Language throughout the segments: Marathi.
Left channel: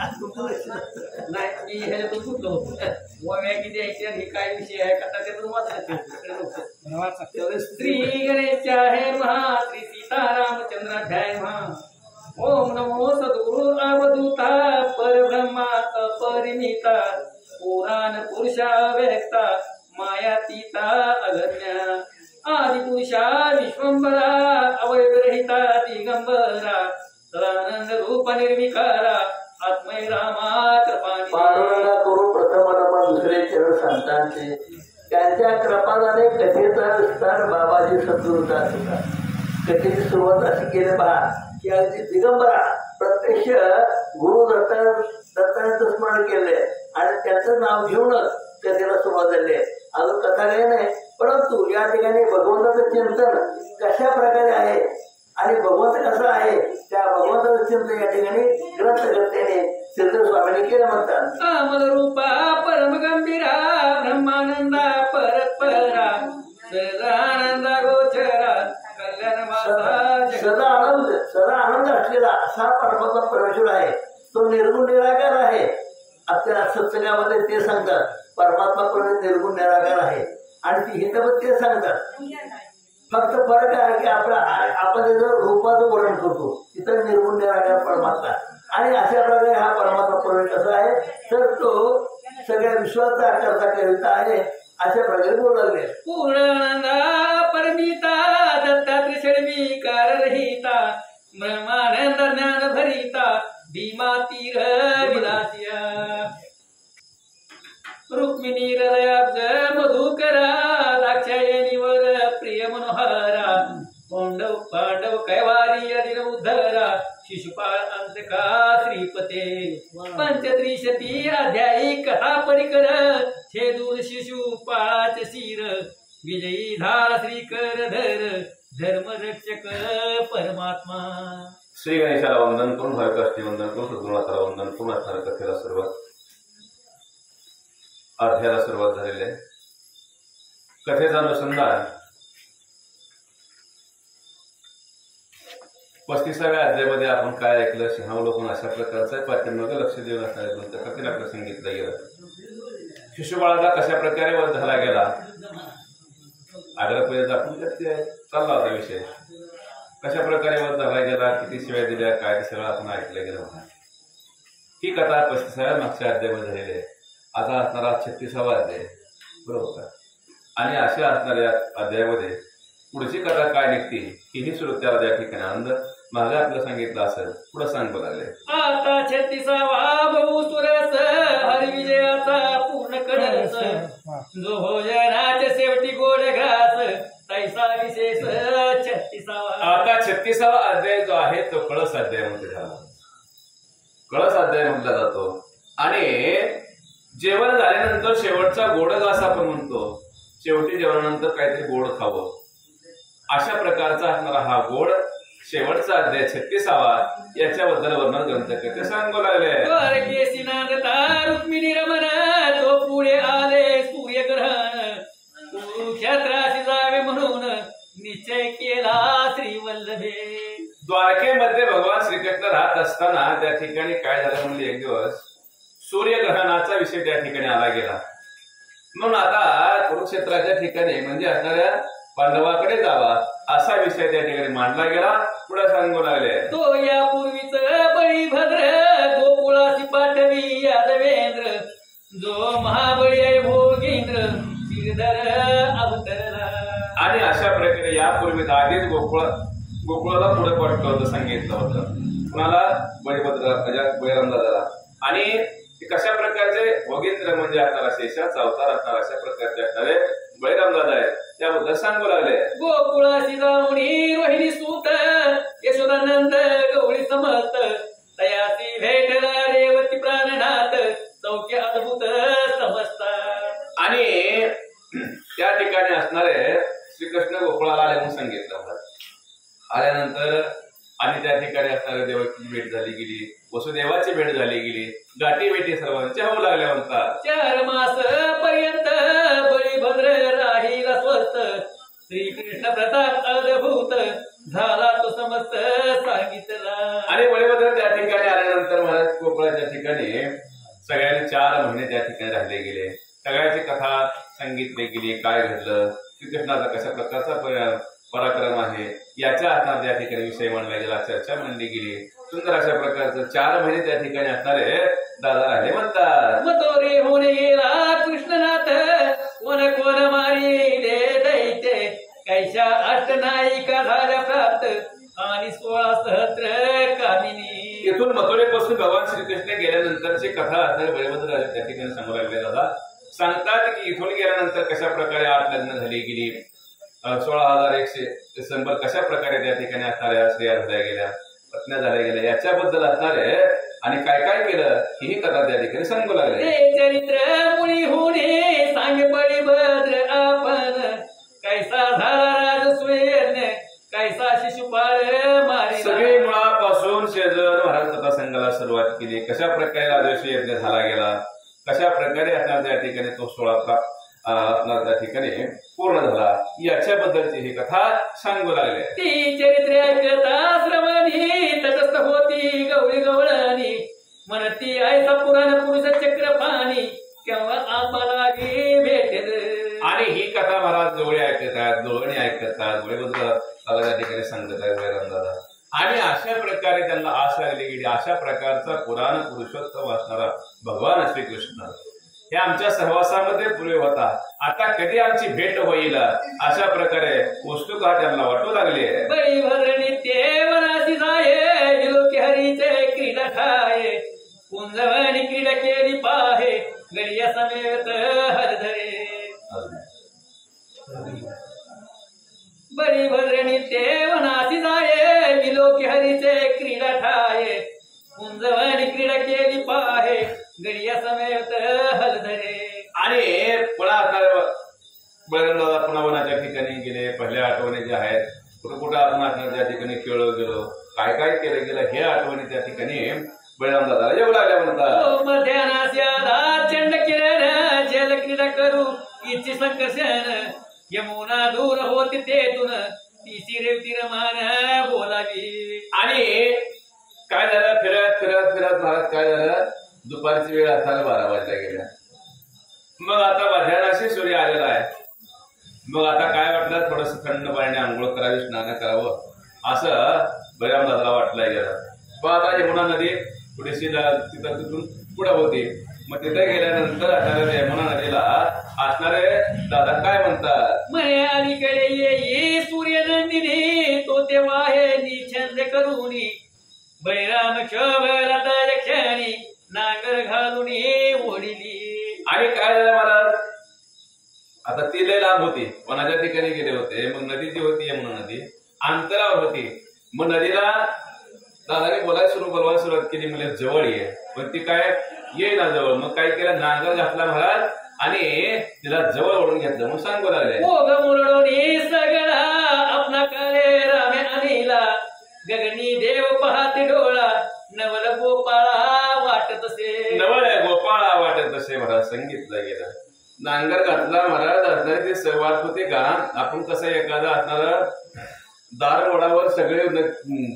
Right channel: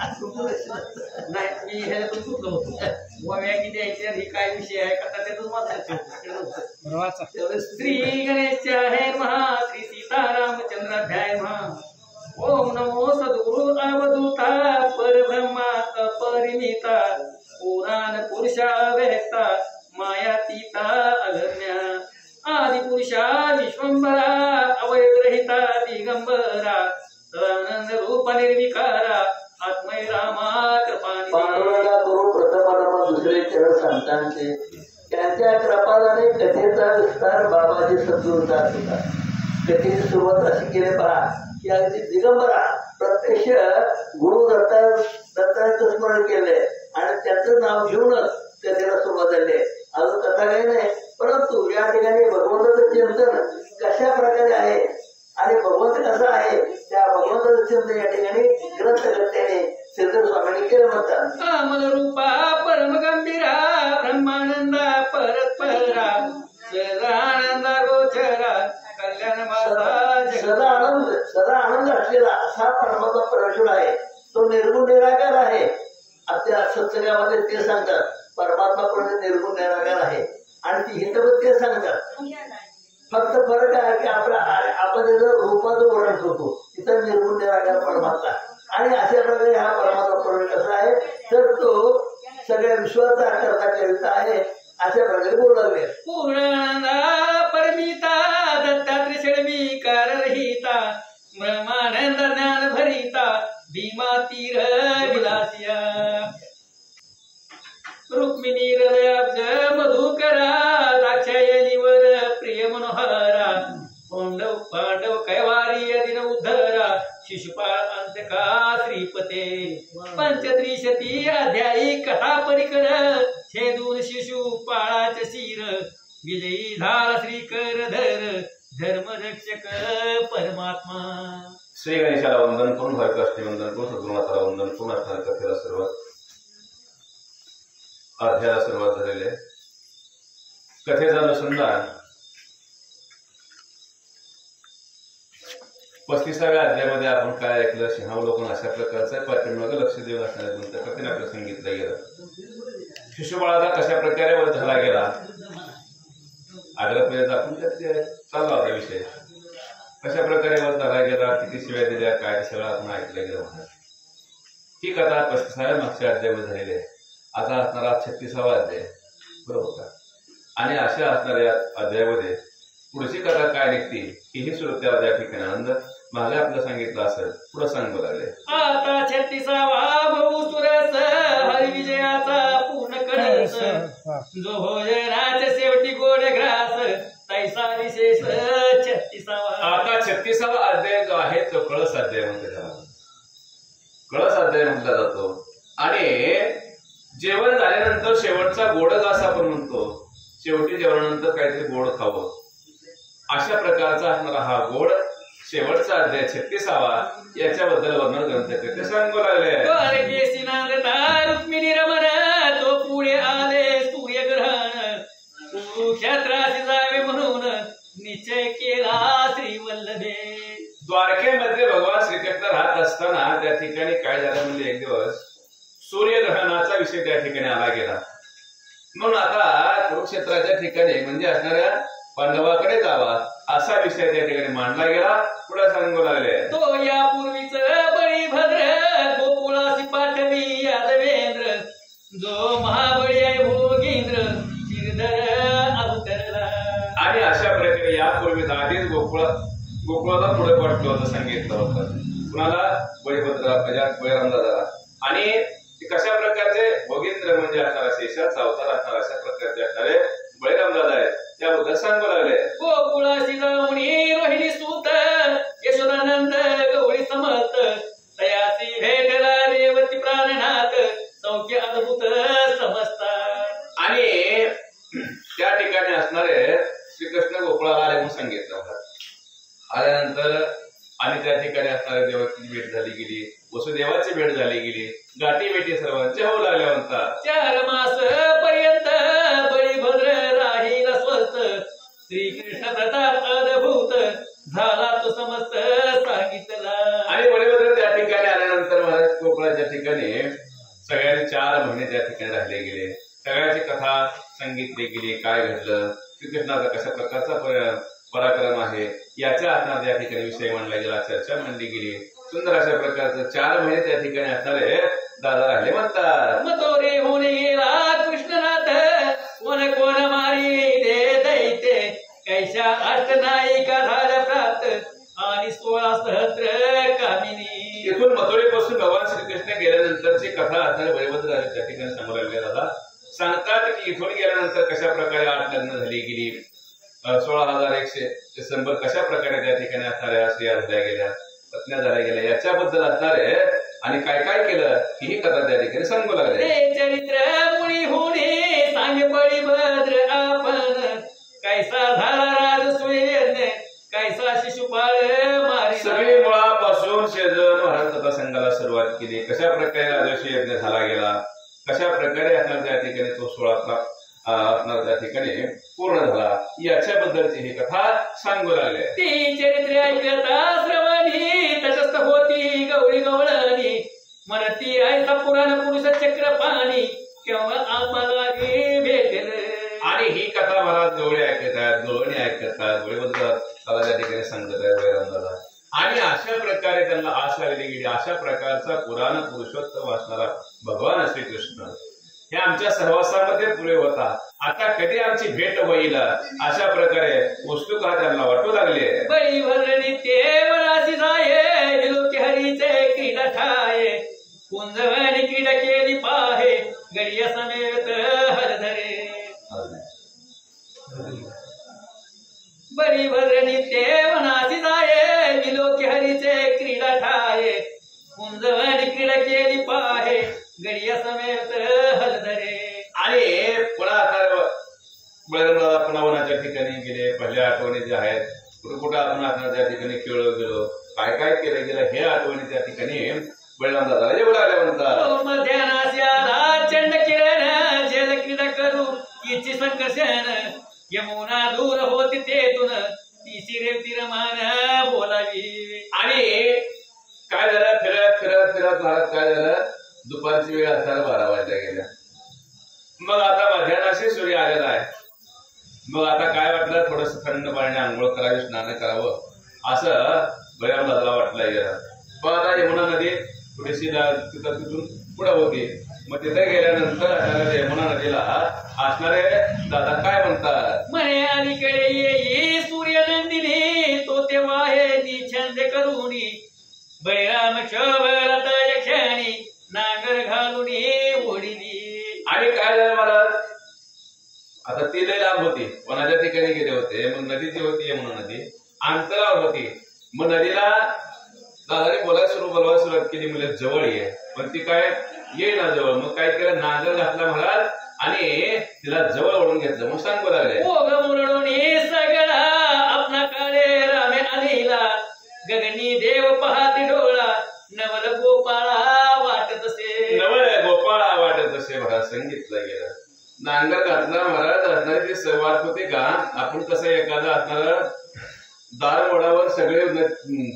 नाही मी ह्याच्यातून सुटलो होतो गोव्या किती द्यायची आणि काय विषय आहे का त्यातून वाचायचं. श्री गणेशाय महा श्री सीतारामचंद्राध्याय महा. ओम नमो सद्गुरु अवधूता परब्रह्मा अपरिमिता पुराण पुरुषा व्यक्ता मायातीता अगम्या आदिपुरुषा विश्वंभरा अवयवरहिता दिगंबरा सदानंद रूप निर्विकारा आत्मय रामा कृपाणी. पांडुरंगा करू प्रथम दुसरे चरण संतांचे त्यांच्या कृपाने कथेचा विस्तार बाबाजी सद्गुरूचा होता. कथेची सुरुवात अशी केली पहा की अगदी दिगंबरा प्रत्यक्ष गुरु दत्ताचं स्मरण केले आणि त्याचं नाव घेऊनच कथेला सुरुवात झाली. अजून कथा काही नाही, परंतु या ठिकाणी भगवंताचं चिंतन कशा प्रकारे आहे आणि भगवंत कसा आहे त्या भगवंताचं चिंतन या ठिकाणी ग्रंथकर्त्याने सिद्ध स्वामींनी केलं म्हणतात. अमल रूपा परम गंभीरा ब्रह्मानंदा परस्परा सदानंदा गोचरा कल्याण सदा आनंद असलेला असा परमात्मा परमेश्वर आहे. तो निर्गुण निराकार आहे. आपल्या सत्संगामध्ये ते सांगतात परमात्मा निर्गुण निराकार आहे आणि ती हित ते सांगतात. फक्त फरक आहे की आपण त्याचं रूपाचं वर्णन करतो तिथं निर्गुण निराकार परमात्मा आणि अशा प्रकारे हा परमात्मा परमेश्वर कसा आहे तर तो सगळ्या विश्वाचा करता करिता आहे अशा प्रकारे बोलू लागले. पूर्णानंदा परमिता दत्तात्रय षड्विकार रहिता ब्रह्मानंद ज्ञान भरिता भीमा तीर विलासिया रुक्मिणी हृदयाब्ज मधुकरा दाक्षायणीवर प्रिय मनोहरा पांडव कैवारी अधीन उद्धरा शिशुपाळ अंतका श्रीपते पंचत्रिशती अध्यायी कथा परिकर छेदून शिशुपाळाचे शिर विजयी झाला श्रीकर धर्मरक्षक परमात्मा. श्री गणेशाला वंदन करून हरकाष्टी वंदन करून सद्गुरुनाथाला वंदन करून अठरा कथेला सुरुवात अध्यायाला सुरुवात झालेली आहे. कथेचा अनुसंधान 35व्या अध्यायामध्ये आपण काय ऐकलं सिंहावलोकन अशा प्रकारचं पाठीमागे लक्ष देऊन असणाऱ्या ग्रंथ कथेने आपलं सांगितलं गेलं. शिशुपाळाचा कशा प्रकारे वध झाला गेला आग्रपर्यंत आपण चालला होता विषय. कशा प्रकारे वध झाला गेला किती शिव्या दिल्या काय सगळं आपण ऐकलं गेलं. ही कथा 35व्या मागच्या अध्यायामध्ये झालेली आहे. आता असणारा 36वा अध्याय बरोबर का. आणि अशा असणाऱ्या अध्यायामध्ये पुढची कथा काय निघते ही सुरू त्या ठिकाणी आनंद मागे आपलं सांगितलं असेल पुढे सांग बघाले. आता 36वा भाऊ सुरस हरिविजयाचा पूर्ण करस जो भोजनाच्या शेवटी गोड घास तैसा विशेष 36वा. आता 36वा अध्याय जो आहे तो कळस अध्याय म्हटला जातो. कळस अध्याय म्हटला जातो आणि जेवण झाल्यानंतर शेवटचा गोड घास आपण म्हणतो. शेवटी जेवणानंतर काहीतरी गोड खावं अशा प्रकारचा असणारा हा गोड शेवटचा अध्याय 36वा याच्याबद्दल वर्णन ग्रंथकर्ते सांगू लागले. रुक्मिणी रमण तो पुढे आले सूर्यग्रहण कुरुक्षेत्राशी जावे म्हणून निश्चय केला श्रीवल्लभे. द्वारकेमध्ये भगवान श्रीकृष्ण राहत असताना त्या ठिकाणी काय झालं म्हणजे एक दिवस सूर्यग्रहणाचा विषय त्या ठिकाणी आला गेला. म्हणून आता कुरुक्षेत्राच्या ठिकाणी म्हणजे असणाऱ्या पांडवाकडे जावा असा विषय त्या ठिकाणी मांडला गेला. पुढे सांगू लागले. तो यापूर्वीच बळीभद्र गोकुळासी पाठवी यादवेंद्र जो महाबळी आहे भोगेंद्र श्रीधर अवतरला. आणि अशा प्रकारे यापूर्वी आधीच गोकुळाला पुढे पाठवलं होतं सांगितलं होतं. कुणाला बळीभद्र बळीरामदादाला. आणि कशा प्रकारचे भोगेंद्र म्हणजे असणारा शेषाचा अवतार असणारा अशा प्रकारचे असणारे बळीरामदादा आहेत त्याबद्दल सांगू लागले. गोकुळासी जाऊनी रोहिणी सूत यशोदानंद गवळी समर्थ तयासी भेटला रेवती प्राणनाथ सौख्य अद्भुत समजता. आणि त्या ठिकाणी असणारे श्रीकृष्ण गोकुळाला आले म्हणून सांगितलं होतं. आल्यानंतर आणि त्या ठिकाणी असणाऱ्या देवाची भेट झाली गेली वसुदेवाची भेट झाली गेली गाठी भेटी सर्वांच्या होऊ लागल्या म्हणतात. 4 मास पर्यंत बळीभद्र राहील स्वस्थ श्रीकृष्ण प्रताप अद्भुत झाला तो समस्त सांगितला. आणि बळीभद्र त्या ठिकाणी आल्यानंतर महाराज गोकुळाच्या ठिकाणी सगळ्यांनी 4 महिने त्या ठिकाणी राहिले गेले. सगळ्याची कथा सांगितली गेली, काय घडलं, श्रीकृष्णाचा कशा प्रकारचा पराक्रम आहे याच्या आधार त्या ठिकाणी विषय मांडला गेला, चर्चा मांडली गेली. सुंदर अशा प्रकारचं 4 महिने त्या ठिकाणी असणारे दादा राहिले म्हणतात. मतोरे होणे गेला कृष्णनाथ कोण कोण मारी दे दैते कैशा अष्टनायिका झाल्या प्राप्त आणि 16 सहस्त्र कामिनी. इथून मथुरेपासून भगवान श्रीकृष्ण गेल्यानंतरची कथा असणारे बळीभद्र त्या ठिकाणी समोर आलेले दादा सांगतात की इथून गेल्यानंतर कशा प्रकारे 8 लग्न झाली गेली, 16,100 कशा प्रकारे त्या ठिकाणी असणाऱ्या स्त्रिया झाल्या गेल्या, पत्न्या झाल्या गेल्या, याच्याबद्दल असणारे आणि काय काय केलं ही कथा त्या ठिकाणी सांगू लागले. ते चरित्र मुळी होणे सांगे बळीभद्र आपण कैसा झाला राजसूयज्ञ कैसा शिशुपाळ मारी. सगळे मुळापासून शेजन महाराज कथा संघाला सुरुवात केली, कशा प्रकारे राजर्षी यज्ञ झाला गेला, कशा प्रकारे असणार त्या ठिकाणी तो 16 असणार त्या ठिकाणी पूर्ण झाला, याच्याबद्दलची ही कथा सांगू लागले. ती चरित्रे ऐकता श्रवणी तटस्थ होती गवळी गवळणी म्हणती ऐसा पुराण पुरुष चक्र पाणी केव्हा आम्हाला भेटेल. आणि ही कथा महाराज गवळी ऐकतात, गवळणी ऐकतात, गवळीबद्दल त्या ठिकाणी सांगत आहेत वैरामदादा. आणि अशा प्रकारे त्यांना आश आलेली गेली. अशा प्रकारचा पुराण पुरुषोत्तम असणारा भगवान श्रीकृष्ण हे आमच्या सहवासामध्ये पुरे होता. आता कधी आमची भेट होईल अशा प्रकारे उत्सुकता त्यांना वाटू लागली. बळीभद्रणी ते वनासी जाये विलोकी हरीचे क्रीडा ठाये कुंजवणी क्रीडा केली पाहे गडिया समेत हरधरे. बळीभद्रणी ते वनासी जाये विलोकी हरीचे क्रीडा ठाये कुंजवणी क्रीडा केली पाहे गडिया समेत हरधरे. आणि पुन्हा आता बळीरामदादा पुन्हा वनाच्या ठिकाणी गेले. पहिल्या आठवणी ज्या आहेत कुठं कुठं आपण आता त्या ठिकाणी खेळलो गेलो, काय काय केलं गेलं हे आठवणी त्या ठिकाणी बळीरामदादा येऊ लागल्या म्हणतात. मध्यानास्याला चंड किरण जल क्रीडा करू इच्छी संकर्षण यमुना दूर होती तेथून तिची रेवती रमान बोलावी. आणि काय झालं, फिरत फिरत फिरत महाराज काय झालं, दुपारची वेळ असताना 12 वाजल्या गेल्या. मग आता मध्यानाशी सूर्य आलेला आहे. मग आता काय वाटलं, थोडस थंड पाण्याने आंघोळ करावी, स्नान करावं असं बळीरामदादाला वाटलं गेलं. पण आता यमुना नदी थोडीशी तिथून पुढे होती. मग तिथे गेल्यानंतर यमुना नदीला असणारे दादा काय म्हणतात, म्हणे अलीकडे येई सूर्य नंदिनी तो तेव्हा हे निछंद करूनी बळीराम क्षोभला तर क्षणी नांगर घालून ओढिली. आणि काय झालं महाराज, आता ती लय लांब होती, वनाच्या ठिकाणी गेले होते. मग नदी जी होती यमुना नदी अंतरावर होती. मग नदीला दादाने बोलायला सुरुवात केली, म्हणजे जवळ ये, पण ती काय येईना जवळ. मग काय केलं, नांगर घातला महाराज आणि तिला जवळ ओढून घेतलं. मग सांगू लागले, ओघ मुरडोनी सगळा आपला काळे रामे आणीला गगनी देव पाहते डोळा नवल गोपाळा वाटत असे. नवल गोपाळा वाटत असे महाराज सांगितलं गेलं. नांगर घातला महाराज असणारे ते सर्वात होते का, आपण कसं एखादा असणार दार ओढावर सगळे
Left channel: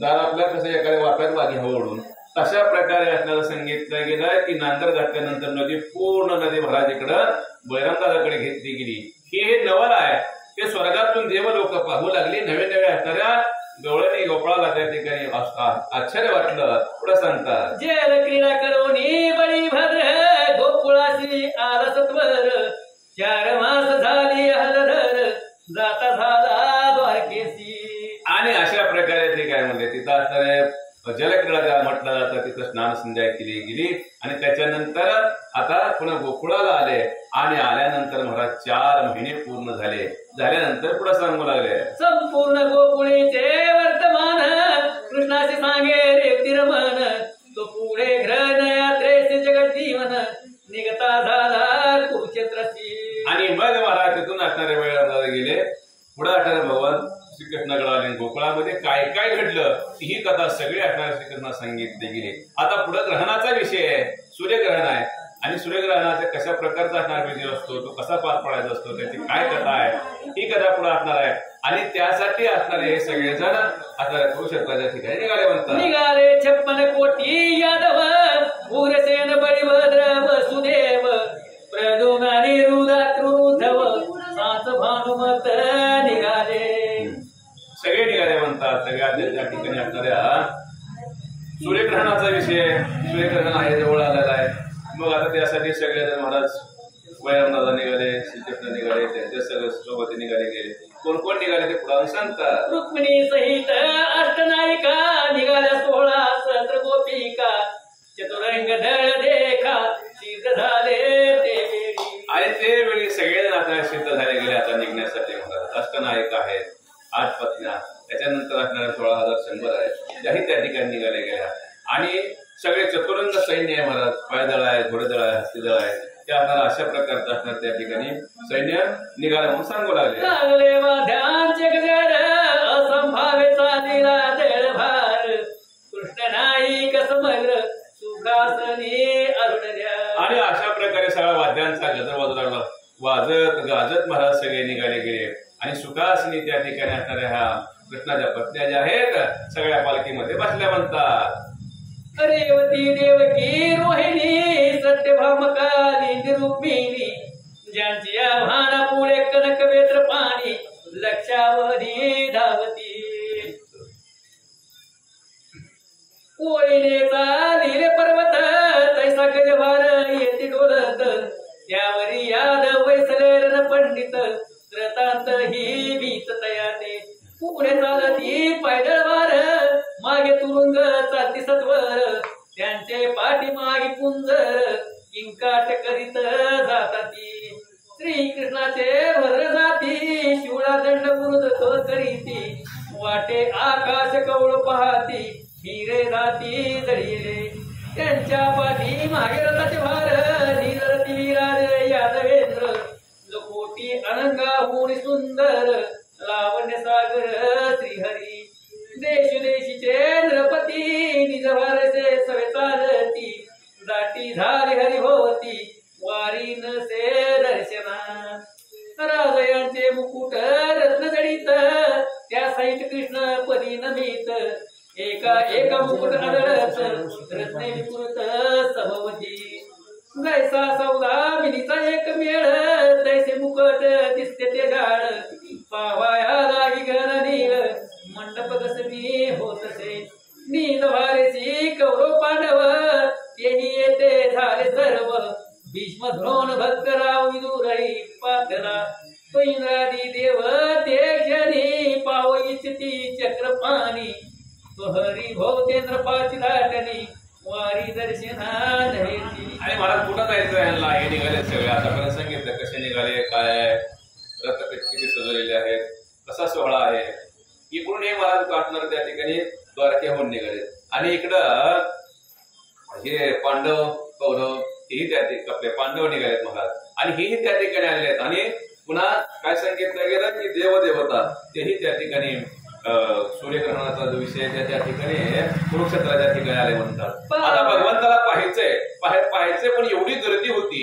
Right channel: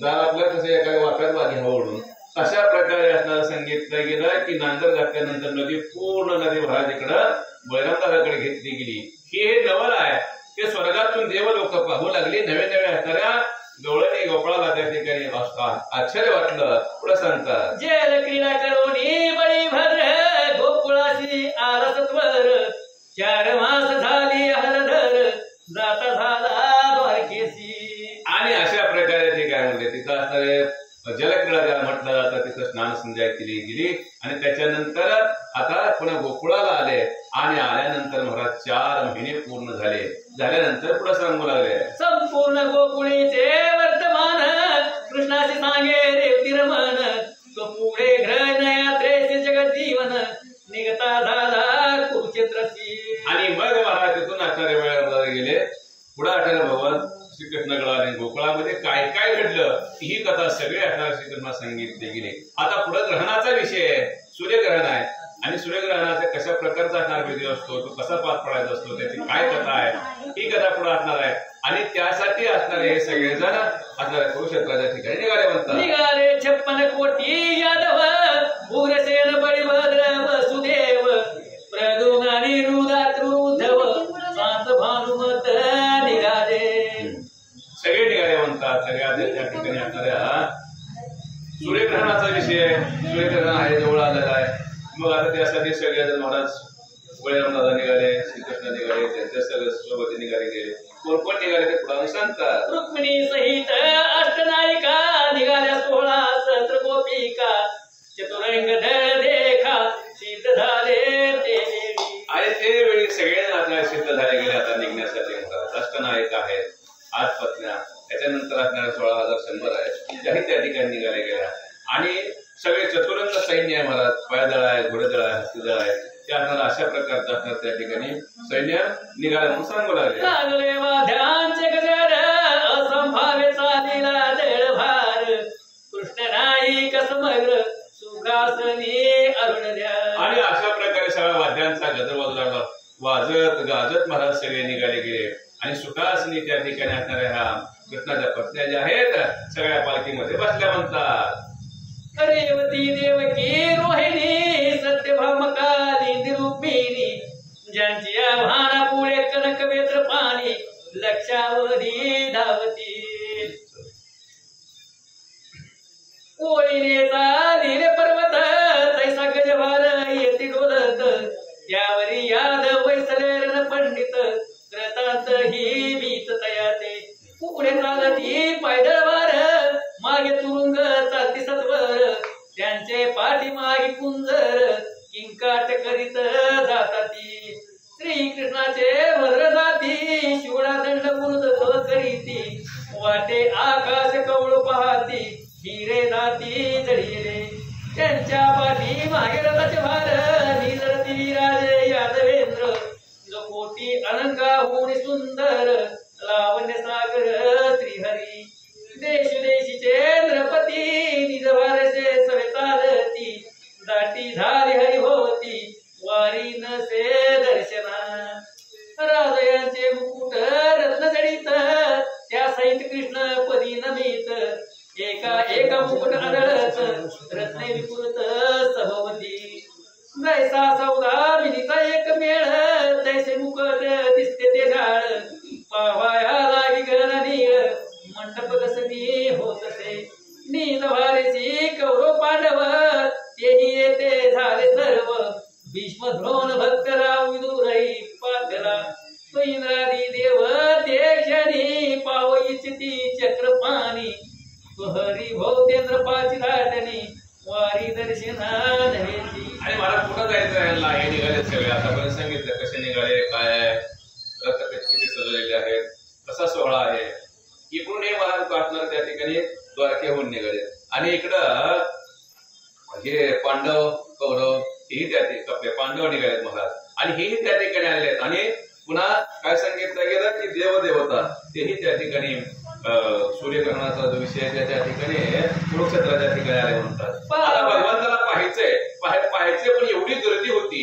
दार आपल्या कसं एखाद्या वाप्यात वागे हवं ओढून तशा प्रकारे असणारं सांगितलं गेलं की नांगर घातल्यानंतर नदी पूर्ण नदी महाराज इकडं बळीरामदादाकडे घेतली गेली. हे नवल आहे, ते स्वर्गातून देव लोक पाहू लागले. नवे नवे असणाऱ्या गवळणी गोपाळाला त्या ठिकाणी आश्चर्य वाटलं. पुढे सांगतात, जेल क्रीडा करोनी बळीभद्र गोकुळाशी आला सत्वर 4 मास झाली हरधर जाता झाला द्वारकेशी. आणि अशा प्रकारे ते काय म्हणले, तिथं असणारे जलक्रीडा ज्याला म्हटलं जातं तिथं स्नान संध्या केली गेली. आणि त्याच्यानंतर आता पुन्हा गोकुळाला आले. आणि आल्यानंतर महाराज 4 महिने पूर्ण झाल्यानंतर पुढे सांगू लागले, संपूर्ण गोकुळीचे वर्तमान कृष्णाशी सांगे रेवती रमण तो पुढे ग्रहण यात्रेचे जगत जीवन निघता झाला कुरुक्षेत्राशी. आणि मग महाराज तिथून असणारे वेळा गेले. पुढे असणारे भगवान श्रीकृष्णाकडे आले. गोकुळामध्ये काय काय घडलं ही कथा सगळी असणाऱ्या श्रीकृष्णा सांगितली गेली. आता पुढे ग्रहणाचा विषय आहे, सूर्यग्रहण आहे. आणि सूर्यग्रहणाचा कशा प्रकारचा असणार विधी असतो, तो कसा पार पडायचा असतो, त्याची काय कथा आहे ही कथा पुढे असणार आहे. आणि त्यासाठी असणारे हे सगळेजण असणाऱ्या कुरुक्षेत्राच्या ठिकाणी निघाले म्हणतात. निघाले 56 कोटी यादव उग्रसेन बळीभद्र सूर्यग्रहण आहे जवळ आलेला आहे. मग आता त्यासाठी सगळेजण महाराज बळीरामदादा निघाले, श्रीकृष्ण निघाले, त्यांच्या सगळे सोबत निघाले गेले. कोण कोण निघाले ते पुराण सांगतात. रुक्मिणी सहित अष्टनायिका निघाल्या 16 सहस्र गोपिका, चतुरंग धड देखा सिद्ध झाले ते वेळी. आणि ते वेळी सगळे आता सिद्ध झाले गेले आता निघण्यासाठी म्हणतात. अष्टनायक आहेत, 8 पत्न्या, त्याच्यानंतर असणारे 16,100 आहेत, त्याही त्या ठिकाणी निघाले गेल्या. आणि सगळे चतुरंग सैन्य आहे महाराज, पायदळ आहे, घोडेदळ आहे, हत्तीदळ आहे, ते असणार अशा प्रकारचं असणार त्या ठिकाणी सैन्य निघालं म्हणून सांगू लागले. लागले वाद्यांचे गजर असंभावे चालीला दळभार, कृष्ण नाईक समग्र सुखासनी अरुण द्या. आणि अशा प्रकारे सगळ्या वाद्यांचा गजर वाजला, वाजत गाजत महाराज सगळे निघाले गेले. आणि सुखासनी त्या ठिकाणी असणाऱ्या ह्या कृष्णाच्या पत्न्या ज्या आहेत सगळ्या पालखीमध्ये बसल्या म्हणतात. रेवती देवकी रोहिणी सत्यभामकाली रुक्मिणी, ज्यांची आव्हाना पुढे कनक वेत्र पाणी लक्षावधी धावती. कोयनेचा दिले पर्वत तैसा गजभार येते डोलत, यावरी यादव वैसले पंडित कृतांत ही भीत तयाते. पुढे चालती पायदळवार मागे तुरुंग चालती सत्वर, त्यांचे पाठीमागे कुंजर किंकाट करीत जाताती. श्रीकृष्णाचे भद्र जाती शिवळा दंड बुरुद करीती, वाटे आकाश कवळ पाहती हिरे जाती जळीले. त्यांच्या पाठी मागे रथाचे भार निरती विराजे यादवेंद्र, जो कोटी अनंगाहून सुंदर लावण्य सागर श्रीहरी. देशदेशीचे नृपती निज वारसे सवे चालती, दाटी झाली हरिभोवती वारी नसे दर्शना. राजयांचे मुकुट रत्न जडित त्या सहित कृष्ण पदी नमित, एका एका मुकुट आढळत रत्ने विपुरत सभवती. जैसा सौदामिनीचा एक मेळ तैसे मुकुट दिसते ते गाळ, पावाया लागी घन नीळ मंडप कसबी होतसे. नील वारसी कौरव पांडव तेही येते झाले सर्व, भीष्म द्रोण भक्तराव विदुरही पाथरा. इंद्रादी देव ते क्षणी पाव इच्छती चक्रपाणी, हरी भोवतेंद्र पाची धाटणी वारी दर्शना नव्हेची. आणि महाराज कुठं जायचं ह्यांना? हे निघाले सगळे, आतापर्यंत सांगितलं कसे निघाले, काय आहे, रथ किती सजवलेले आहेत, कसा सोहळा आहे. इकडून हे महाराज काटणार त्या ठिकाणी द्वारकेहून निघाले. आणि इकडं हे पांडव कौरव हेही त्या ठिकाणी आपले पांडव निघालेत महाराज, आणि हेही त्या ठिकाणी आलेले आहेत. आणि पुन्हा काय सांगितलं गेलं की देवदेवता तेही त्या ठिकाणी सूर्यग्रहणाचा जो विषय त्या ठिकाणी कुरुक्षेत्राच्या ठिकाणी आले म्हणतात. आता भगवंताला पाहायचे पण एवढी गर्दी होती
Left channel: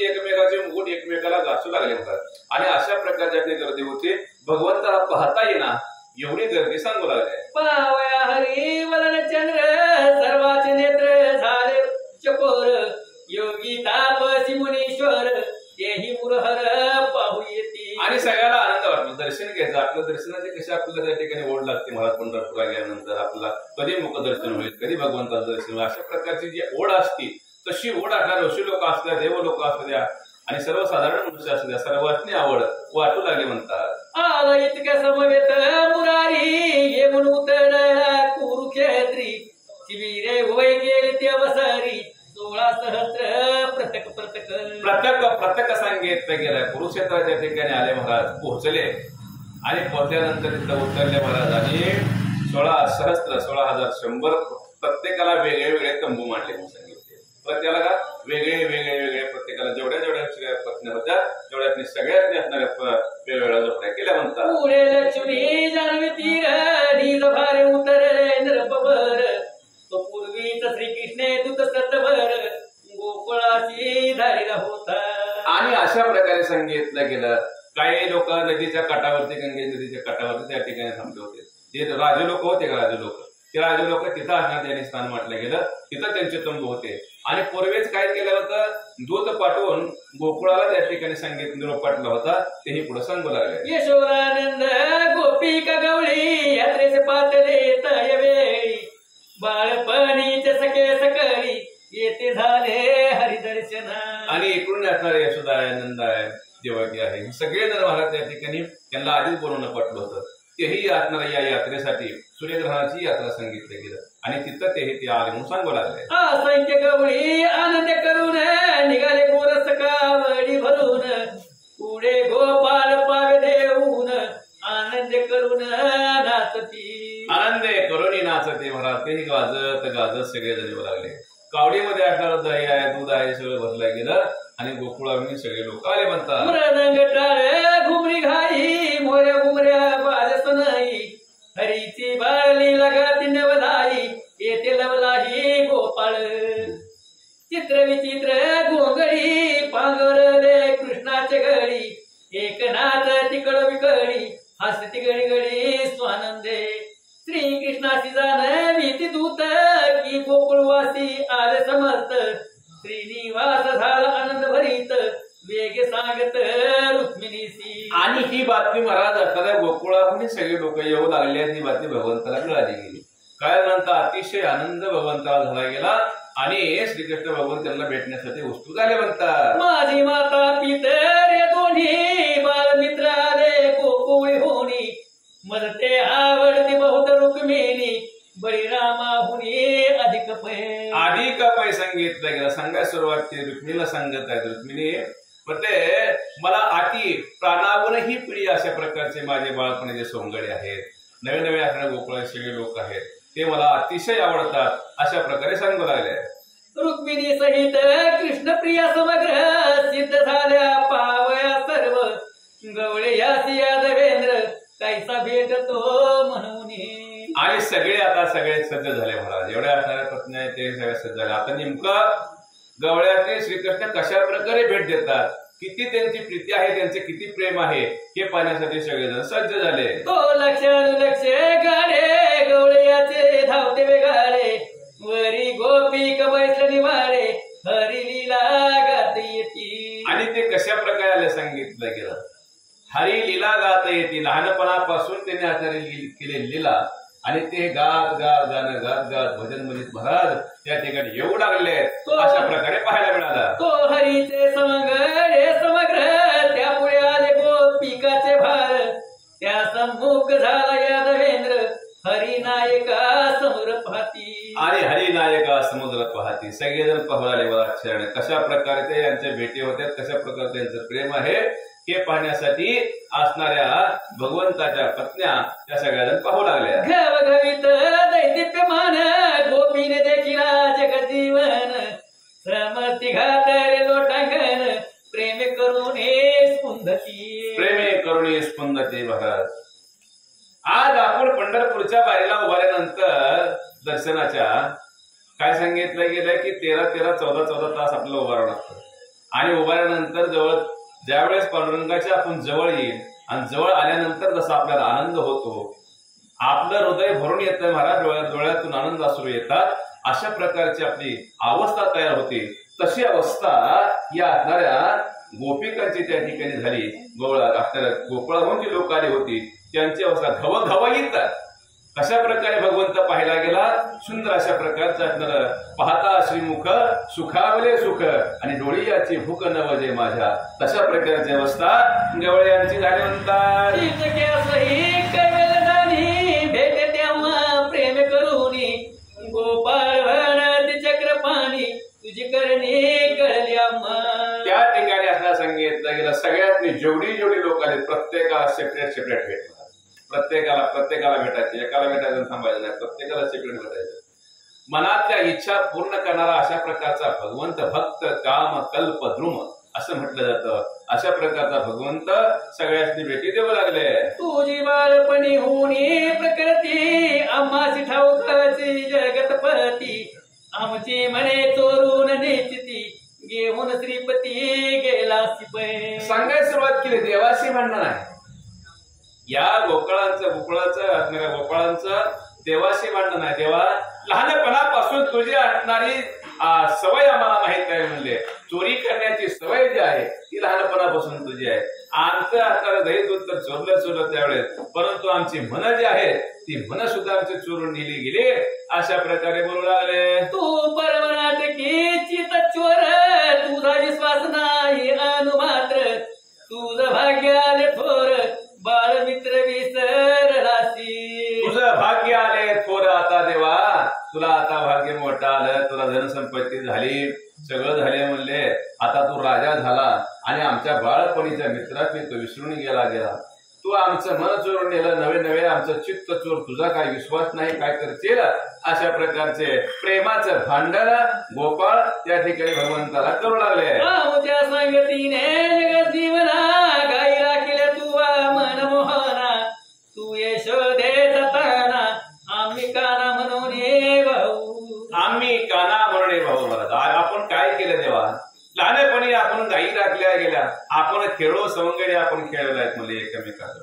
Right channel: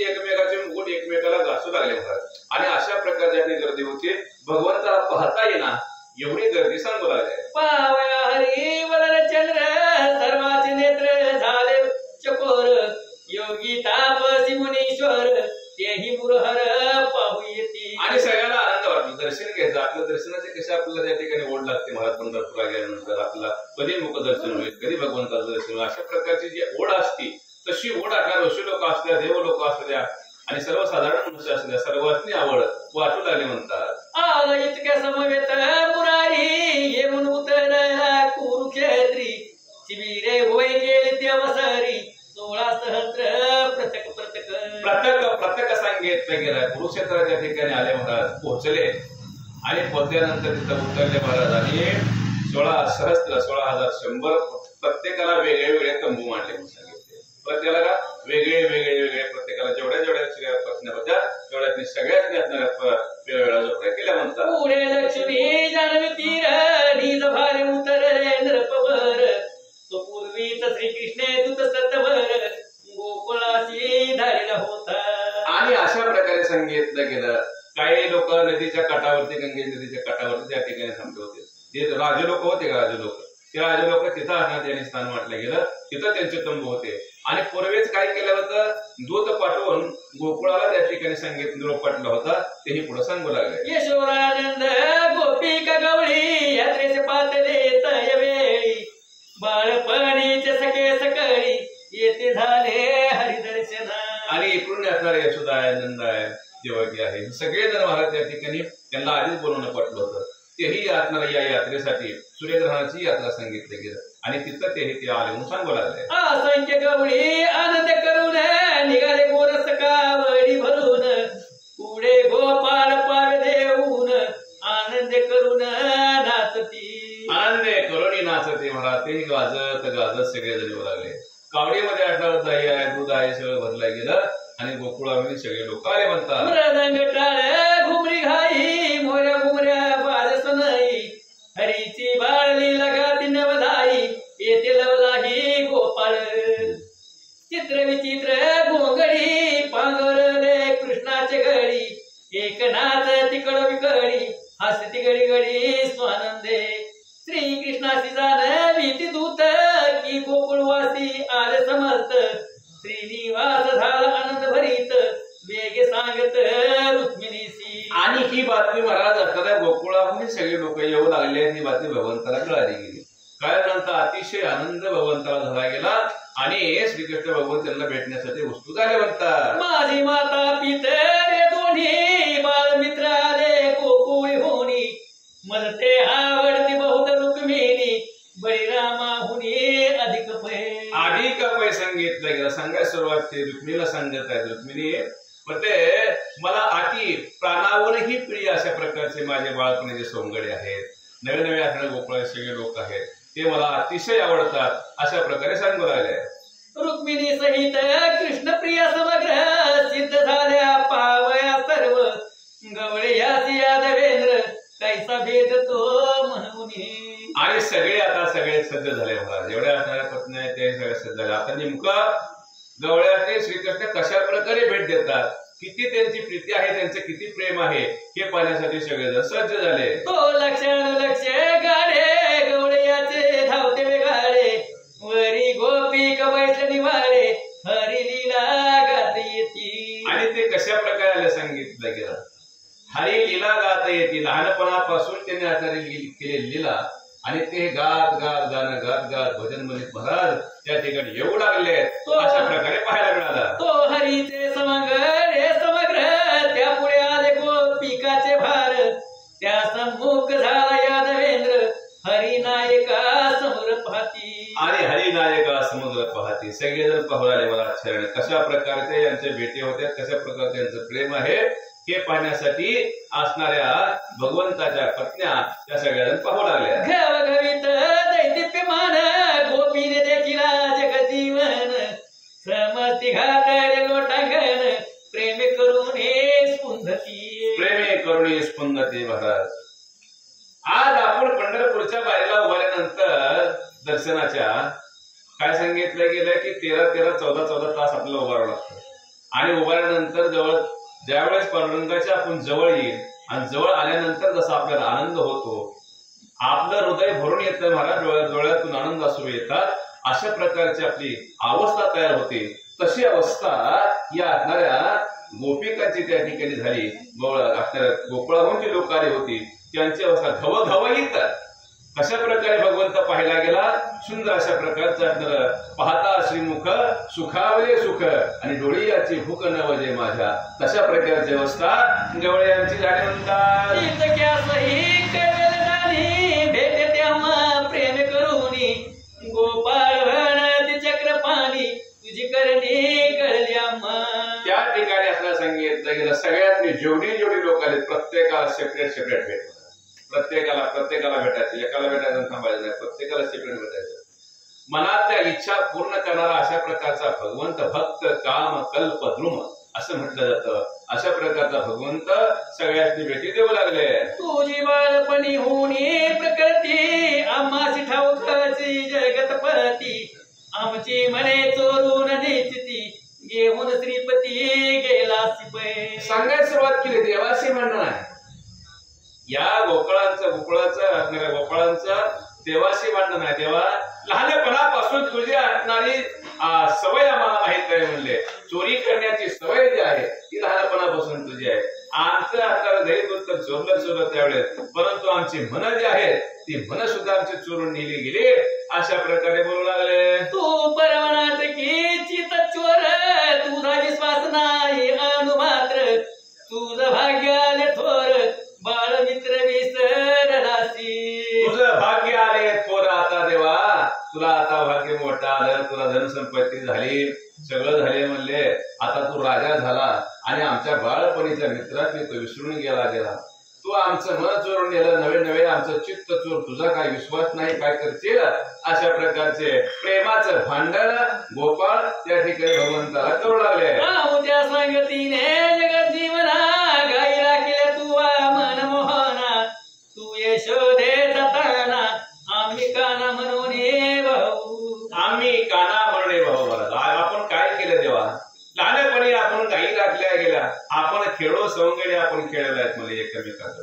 एकमेकाचे मुकुट एकमेकाला घासू लागले म्हणतात. आणि अशा प्रकारची गर्दी होती, भगवंताला पाहता येणार एवढी गर्दी सांगू लागले. पावया हरी वलन चंद्र सर्वाचे नेत्र झाले चकोर, योगी तापसी मुनीश्वर तेही मुरहर पाहू येते. आणि सगळ्याला आनंद वाटला, दर्शन घ्यायचं. आपल्या दर्शनाचे कसे आपल्याला त्या ठिकाणी ओढ लागते महाराज. पंढरपूरला गेल्यानंतर आपल्याला कधी मुखदर्शन होईल, कधी भगवंताचं दर्शन होईल, अशा प्रकारची जी ओढ असते तशी ओढ असणार ऋषी लोक असू द्या, देव लोक असू द्या आणि सर्वसाधारण मनुष्य असू द्या, सर्वांनी आवड वाटू लागली म्हणतात. आला इतक्या समवेत मुरारी येऊन उतरला कुरुक्षेत्री, शिबिरे होय गेली तेवसरी 16 सहस्र प्रत्येक सांगितलं गेलं. कुरुक्षेत्राच्या ठिकाणी आले महाराज, पोहोचले आणि पोहोचल्यानंतर तिथं उतरले महाराज. आणि 16,100 प्रत्येकाला वेगळे वेगळे तंबू मांडले म्हणून सांगितले. प्रत्येकाला वेगळे प्रत्येकाला जेवढ्या पत्न्या होत्या तेवढ्या सगळ्यात असणाऱ्या वेगवेगळ्या झोपड्या केल्या म्हणतात. पुढे लक्ष्मी जाणवी तीर ढील भारे उतरले नृपवर, तो पूर्वीच श्रीकृष्ण दूत सतवर गोकुळाशी धारिला होता. आणि अशा प्रकारे सांगितलं गेलं. काही लोक नदीच्या काठावरती, गंगे नदीच्या काठावरती त्या ठिकाणी थांबले होते. जे राजे लोक होते का, ते राजे लोक तिथं असणार त्यांनी स्थान म्हटलं गेलं, तिथं त्यांचे तंबू होते. आणि पूर्वीच काय केलं होतं, दूत पाठवून गोकुळाला त्या ठिकाणी संगीत निरोप पाठवला होता, तेही पुढे सांगू लागले. यशोरानंद गोपिका गवळी यात्रेचे पातळे तय वेळी, बाळपणीचे सके सकळी येथे झाले हरिदर्शन. आणि इकडून असणारे यशोदा आहे, नंद आहे, देवकी आहे, हे सगळे जण महाराज त्या ठिकाणी त्यांना आधीच बोलवणं पटलं होतं. तेही असणाऱ्या या यात्रेसाठी सूर्यग्रहणाची यात्रा सांगितलं गेलं आणि तिथं तेही ते आले म्हणून सांगू लागले. असंख्य गवळी आनंद करून निघाले गोरस कावडी भरून पुढे गोपाळ पाग देऊन आनंद करून नाचती. आनंद करून नाचते महाराज. ते गाजत गाजत सगळे जण येऊ लागले. कावडीमध्ये असणारं दही आहे, दूध आहे, सगळं भरलं गेलं आणि गोकुळामध्ये सगळे लोक आले म्हणतात. मृदंग टाळ घुमरी घाई मोऱ्या घुमऱ्या बाजस नाही हरीची बाळली लगाती नवलाई येते लवलाही गोपाळ. चित्र विचित्र गोंगडी पांगरले कृष्णाचे गडी एक नाच तिकड विकडी हसती गडी गडी स्वानंदे. श्रीकृष्णाशी जाणवीती दूत की गोकुळवासी आले समर्थ श्रीनिवास झाला आनंद भरीत वेग सांगत रुक्मिणीसी. आणि ही बातमी महाराज असणाऱ्या गोकुळामध्ये सगळे लोक येऊ लागले. ही बातमी भगवंताला कळाली गेली. कळल्यानंतर अतिशय आनंद भगवंताला झाला गेला आणि श्रीकृष्ण भगवंत त्यांना भेटण्यासाठी उत्सुक झाले म्हणतात. माझी माता पितरे दोन्ही बाळमित्र आले गोकुळी होणी मजते आवडते बहुत रुक्मिणी बळीरामाहुनी अधिक पै. अधिक पै सांगितलं गेलं. सांगायला सुरुवात केली. रुक्मिणीला सांगत आहेत. रुक्मिणी म्हणते मला अति प्राणावरही प्रिय अशा प्रकारचे माझे बाळपणाचे सोंगडे आहेत. नवे नवे असणारे गोकुळ सगळे लोक आहेत ते मला अतिशय आवडतात अशा प्रकारे सांगू लागले. रुक्मिणी सहित कृष्ण प्रिय समग्र सिद्ध झाल्या पावया सर्व गवळे यासी यादवेंद्र कैसा भेटतो म्हणून. आणि सगळे आता सगळे सज्ज झाले महाराज. एवढ्या असणाऱ्या पत्नी आहेत ते सगळे सज्ज झाले. आता नेमकं गवळ्यातले श्रीकृष्ण कशा प्रकारे भेट देतात, किती त्यांची प्रीती आहे, त्यांचे किती प्रेम आहे हे पाहण्यासाठी सगळेजण सज्ज झाले. तो लक्षण लक्ष गाडे गवळ्याचे धावते वेगाळे वरी गोपी कवैसल निवाळे हरी लीला गात येती. आणि ते कशा प्रकारे आले सांगितलं गेलं. हरी लीला गात येते. लहानपणापासून त्यांनी असणारी केलेली लीला आणि ते गात गात गाणं गात गात भजन म्हणत महाराज त्या ठिकाणी येऊ लागले अशा प्रकारे पाहायला मिळाला. तो हरीचे समग्र त्या पुढे आले गोपिकाचे भार त्या सम्मुख झाला यादवेंद्र हरिनायका समोर पाहती. आणि हरिनायका समुद्र पाहती. सगळेजण पाहू लागले मला शरण कशा प्रकारे ते यांच्या भेटी होत्या, कशा प्रकारे त्यांचं प्रेम आहे हे पाहण्यासाठी असणाऱ्या भगवंताच्या पत्न्या त्या सगळ्याजण पाहू लागल्या. घवघवीत दैदिप्यमान गोपीने देखील जगजीवन समस्ती घातले लोटांगण प्रेम करून स्पुंदती. प्रेमे करुणे स्पंदते महाराज. आज आपण पंढरपूरच्या बारीला उभारल्यानंतर दर्शनाच्या काय सांगितलं गेलं की 13-14 तास आपल्याला उभारावं लागतं. आणि उभारल्यानंतर ज्यावेळेस पांडुरंगाच्या आपण जवळ येईल आणि जवळ आल्यानंतर जसा आपल्याला आनंद होतो, आपलं हृदय भरून येतं महाराज, डोळ्यातून आनंद अश्रू येतात, अशा प्रकारची आपली अवस्था तयार होते. तशी अवस्था या असणाऱ्या गोपिकांची त्या ठिकाणी झाली. गोकुळाहून जी लोक आली होती त्यांची अवस्था घवघवीत कशा प्रकारे भगवंत पाहायला गेला. सुंदर अशा प्रकारचं असणार पाहता श्रीमुख सुखावले सुख आणि डोळी याची भूक नवजे माझ्या तशा प्रकारची अवस्था गवळ्यांची झाली म्हणतात. भेट तेव्हा प्रेम करूनी गोपाळ चक्रपाणी तुझी करणी कळली आम्हा. त्या ठिकाणी असं सांगितलं गेलं सगळ्यात जेवढी लोक आले प्रत्येकाला सेपरेट भेट. प्रत्येकाला भेटायचं. एकाला भेटायचं थांबायचं नाही. प्रत्येकाला सेपरेट भेटायचं. मनातल्या इच्छा पूर्ण करणारा अशा प्रकारचा भगवंत भक्त काम कल्प द्रुम असं म्हटलं जातं. अशा प्रकारचा भगवंत सगळ्यांनी भेटी देऊ लागले. तुझी बाळपणी होणी प्रकृती आम्हाशी ठाऊकाची जगतपती आमची म्हणे चोरून नेचती घेऊन श्रीपती गेला शिपे. सांगायला सुरुवात केली. देवाशी म्हणणं आहे या गोकुळाचं देवाशी भांडण आहे. तेव्हा लहानपणापासून तुझी असणारी सवय आम्हाला माहित आहे. म्हणले चोरी करण्याची सवय जी आहे ती लहानपणापासून तुझी आहे. आमचं आता दही दूध तर चोरलं त्यावेळेस, परंतु आमची मन जी आहेत ती मन सुद्धा आमची चोरून नेली गेली. अशा प्रकारे बोलू लागले. तू परमनाथ की चित चोर, तुझा विश्वास नाही अनुमात्र, तुझं भाग्य आले थोर, बाळ मित्र विसरलासी. तुझं भाग्य आले थोर आता देवा, तुला आता भाग्य मोठं आलं, तुला धनसंपत्ती झाली, सगळं झाले म्हणले. आता तू राजा झाला आणि आमच्या बाळपणीच्या मित्राची तू विसरून गेला. तू आमचं मन चोरून नेलं, नवे नवे आमचं चित्त चोर, तुझा काय विश्वास नाही, काय करशील. अशा प्रकारचे प्रेमाचं भांडण गोपाळ त्या ठिकाणी भगवंताला करू लागले. रामच्या संगतीने जगत जीवना, गाई राखिले तू मनमोहना, तू यशोदे जाताना आम्ही काना म्हणून भाऊ. आम्ही काना म्हणून भाऊ महाराज. आपण काय केलं तेव्हा? लहानपणी आपण गायी राखल्या गेल्या, आपण खेळो सवंगडी आपण खेळलेल्या आहेत म्हणजे एकमेकांचं.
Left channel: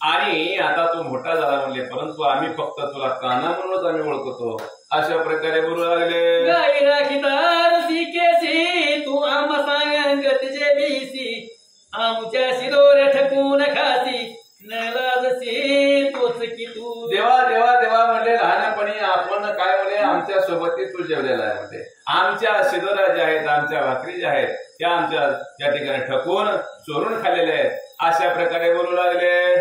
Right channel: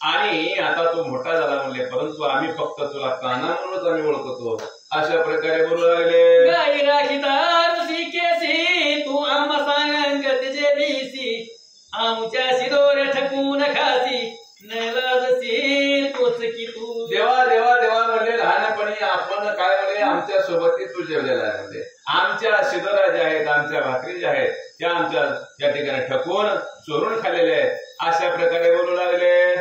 आणि आता तू मोठा झाला म्हणले, परंतु आम्ही फक्त तुला काना म्हणूनच आम्ही ओळखतो. अशा प्रकारे बोलू लागले. गाई राखिता ऋषिकेशी, तू आम्हा सांगत जे बीसी, आमच्या शिदोरे ठकून खासी, नलाजशी तोच की तू. देवा देवा देवा म्हणले, लहानपणी आपण काय म्हणले आमच्या सोबत तू जेवलेला आहे म्हणते. आमच्या शिदोरा ज्या आहेत, आमच्या भाकरी ज्या आहेत, त्या आमच्या या ठिकाणी ठकून चोरून खाल्लेल्या आहेत. अशा प्रकारे बोलू लागले.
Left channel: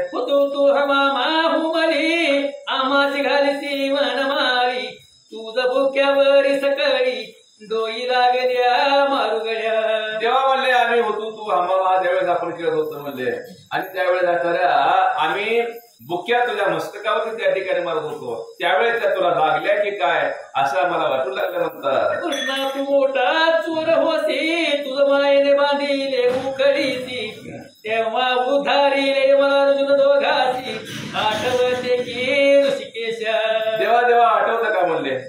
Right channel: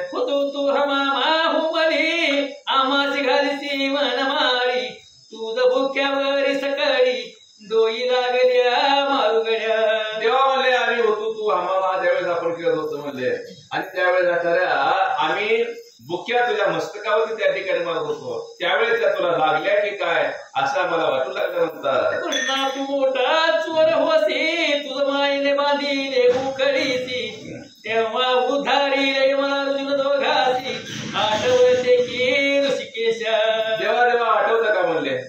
तू हमामा हुमली, आम्हाची घालीसी मनमाळी, तुझ भुक्यावरी सकळी, डोई लागल्या मारुगड्या. तेव्हा म्हणले आम्ही होतो तू हमामा, त्यावेळेस आपण खेळत होतो म्हणले. आणि त्यावेळेस आम्ही बुक्या तुझ्या मस्तकावरती त्या ठिकाणी मारत होतो, त्यावेळेस त्या तुला लागल्या की काय असं मला वाटू लागल्यानंतर. कृष्णा तू मोठा चोर होसी, तुझ मायने बांधिले उखडीसी, तेव्हा उधारिले अर्जुन दोघासी, आठवते की ऋषिकेशा. देवा देवा आठवतं का म्हणले?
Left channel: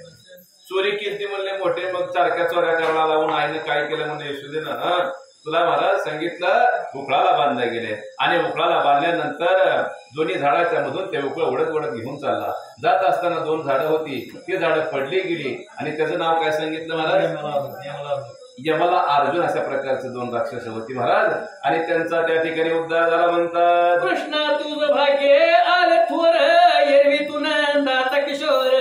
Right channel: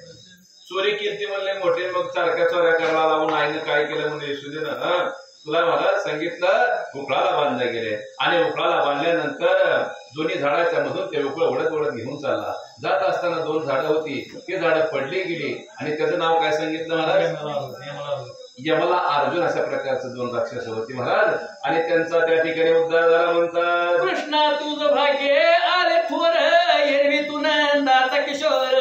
चोरी कीर्ती म्हणले मोठे, मग सारख्या चोऱ्या करायला लावून आईने काय केलं म्हणजे यशोदेनं तुला महाराज सांगितलं उकळाला बांधले गेले. आणि उकळाला बांधल्यानंतर दोन्ही झाडाच्या मधून ते उकळ ओढत ओढत घेऊन चालला. जात असताना दोन झाडं होती, ती झाडं पडली गेली आणि त्याचं नाव काय सांगितलं महाराज? यमला अर्जुन. अशा प्रकारचे दोन राक्षस होती महाराज. आणि त्यांचा त्या ठिकाणी उद्धार झाला म्हणतात. कृष्णा तुझं भाग्य आले थोर, एरवी तू नंदाचा किशोर,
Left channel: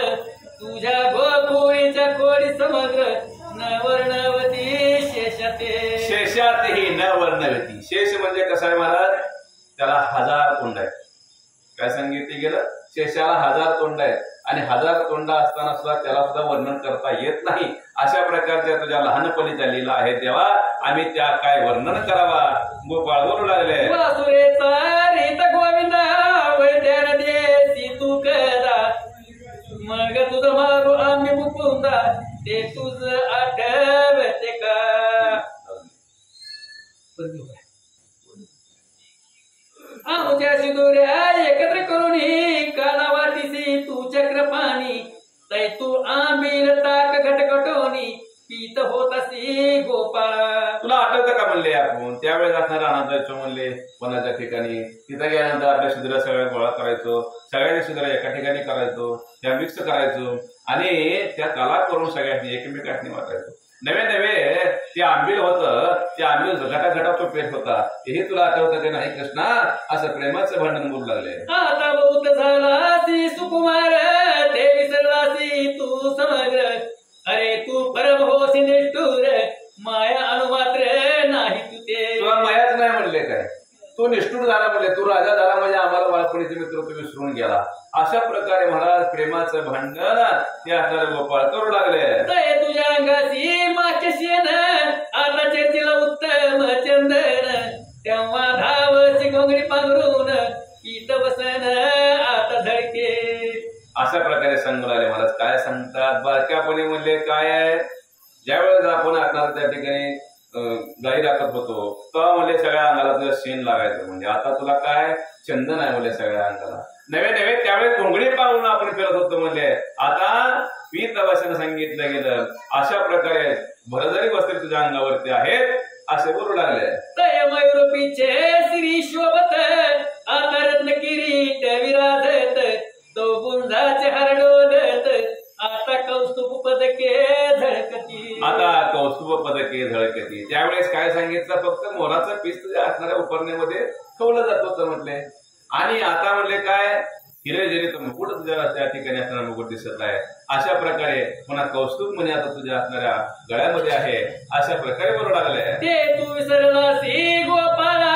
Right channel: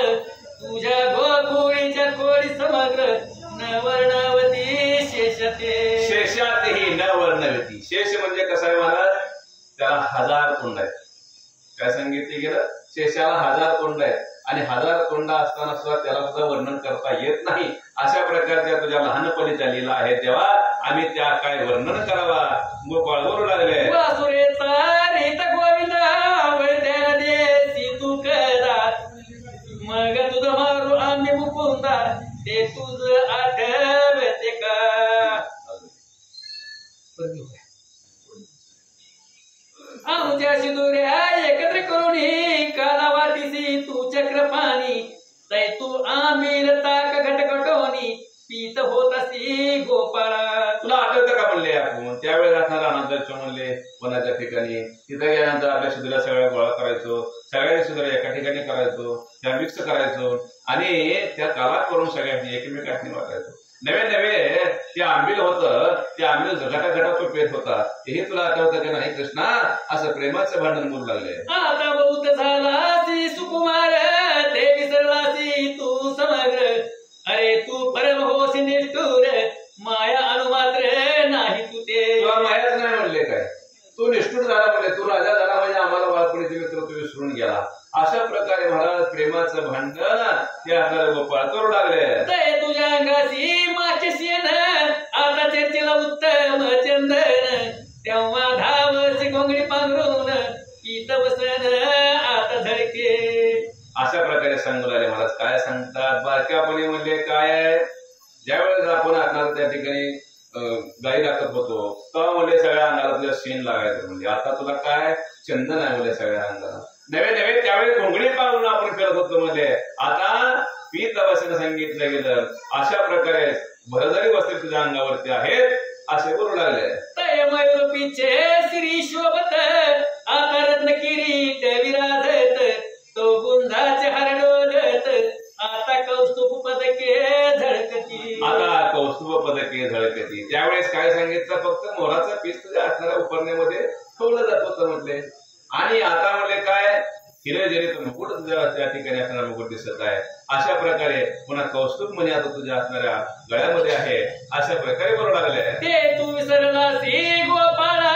तुझ्या गोकुळीच्या कोळी समग्र, नवर्णवती शेषते. शेषातही न वर्णवती. शेष म्हणजे कसं आहे महाराज? त्याला 1000 तोंड आहेत. काय सांगितले गेलं? शेषाला 1000 तोंड आहेत आणि 1000 तोंड असताना सुद्धा त्याला सुद्धा वर्णन करता येत नाही. अशा प्रकारच्या तुझ्या लहानपणी झालेला आहे तेव्हा आम्ही त्या काय वर्णन करावा. गोपाळ बोलू लागले. वासुरेचा रीत गोविंदा, वैद्याला देसी तू करा, मग तुझं मारू आम्ही मुकुंदा, ते तुझ आठवते का. आमच्या शिदोऱ्या एकत्र करून काला वाटीसी तू चक्रपाणी, तै तू आमिर ताक घटघटोनी, पीत होत असी गोपाळा. तुला आठवतं का म्हणले आपण त्यावेळेस असणार आनंदाचं म्हणले वनाच्या ठिकाणी. तिथं गेल्यानंतर आपल्या शिदोऱ्या सगळ्या गोळा करायचो, सगळ्या शिदोऱ्या एका ठिकाणी करायचो, त्या मिक्स करायचो आणि त्या काला करून सगळ्यांनी एकमेकांनी वाटायचो. नवे नवे ते आंबील होतं, ते आंबील घटा तो पेट होता. हे तुला आठवतं की नाही कृष्णा? असं प्रेमाचं भांडण बोलू लागले. आता बहुत झालासी सुकुमार, ते विसरलासी तू समग्र, अरे तू परम होसी निष्ठुर, माया अनुमात्र नाही तू ते. तुला मायाच नाही म्हणले काय? तू निष्ठुर झाला म्हणले, तू राजा झाला म्हणजे आम्हाला बाळपणीचे मित्र तू विसरून गेला. अशा प्रकारे महाराज प्रेमाचं भांडण ते आता गोपाळ करू लागले. तय तुझ्या अंगाशी माचेन, आता चर्चेला उत्तम चंदन, तेव्हा धावशी घोंगडी पांघरून, पीत बसन आता झळके. अशा प्रकारे सांगू लागले महाराज. काय सांगतात? बारक्यापणी म्हणले काय? ज्यावेळेस आपण असणार त्या ठिकाणी गाई राखत होतो तेव्हा म्हणजे सगळ्या अंगाला तुझ्या शेण लागायचं. म्हणजे आता तुला काय चंदन आहे म्हणजे सगळ्या अंगाला. नवे नवे त्यावेळेस घोंगडी पाळून आपण करत होतो म्हणजे आता पीत अवश्य सांगितलं गेलं. अशा प्रकारे भरजरी वस्त्र तुझ्या अंगावरती आहेत असे बोलू लागले. तय मयूर पिछे श्री शोभत, आता रत्न किरीट विराजत, तो गुंजाचे हार डोलत, आता कौस्तुभ पदके झळकती. आता कौस्तुभ पदके झळकती. त्यावेळेस काय सांगितलं, फक्त मोराचं पीस तुझ्या असणाऱ्या उपरण्यामध्ये ठेवलं जात होतं म्हटले. आणि आता म्हणले काय, हिरे जरीत मुकुट तुझ्या त्या ठिकाणी असणारा मुकुट दिसत आहे. अशा प्रकारे पुन्हा कौस्तुभ म्हणे आता तुझ्या असणाऱ्या गळ्यामध्ये आहे. अशा प्रकारे बोलू लागले. ते तू विसरलासी गोपाळा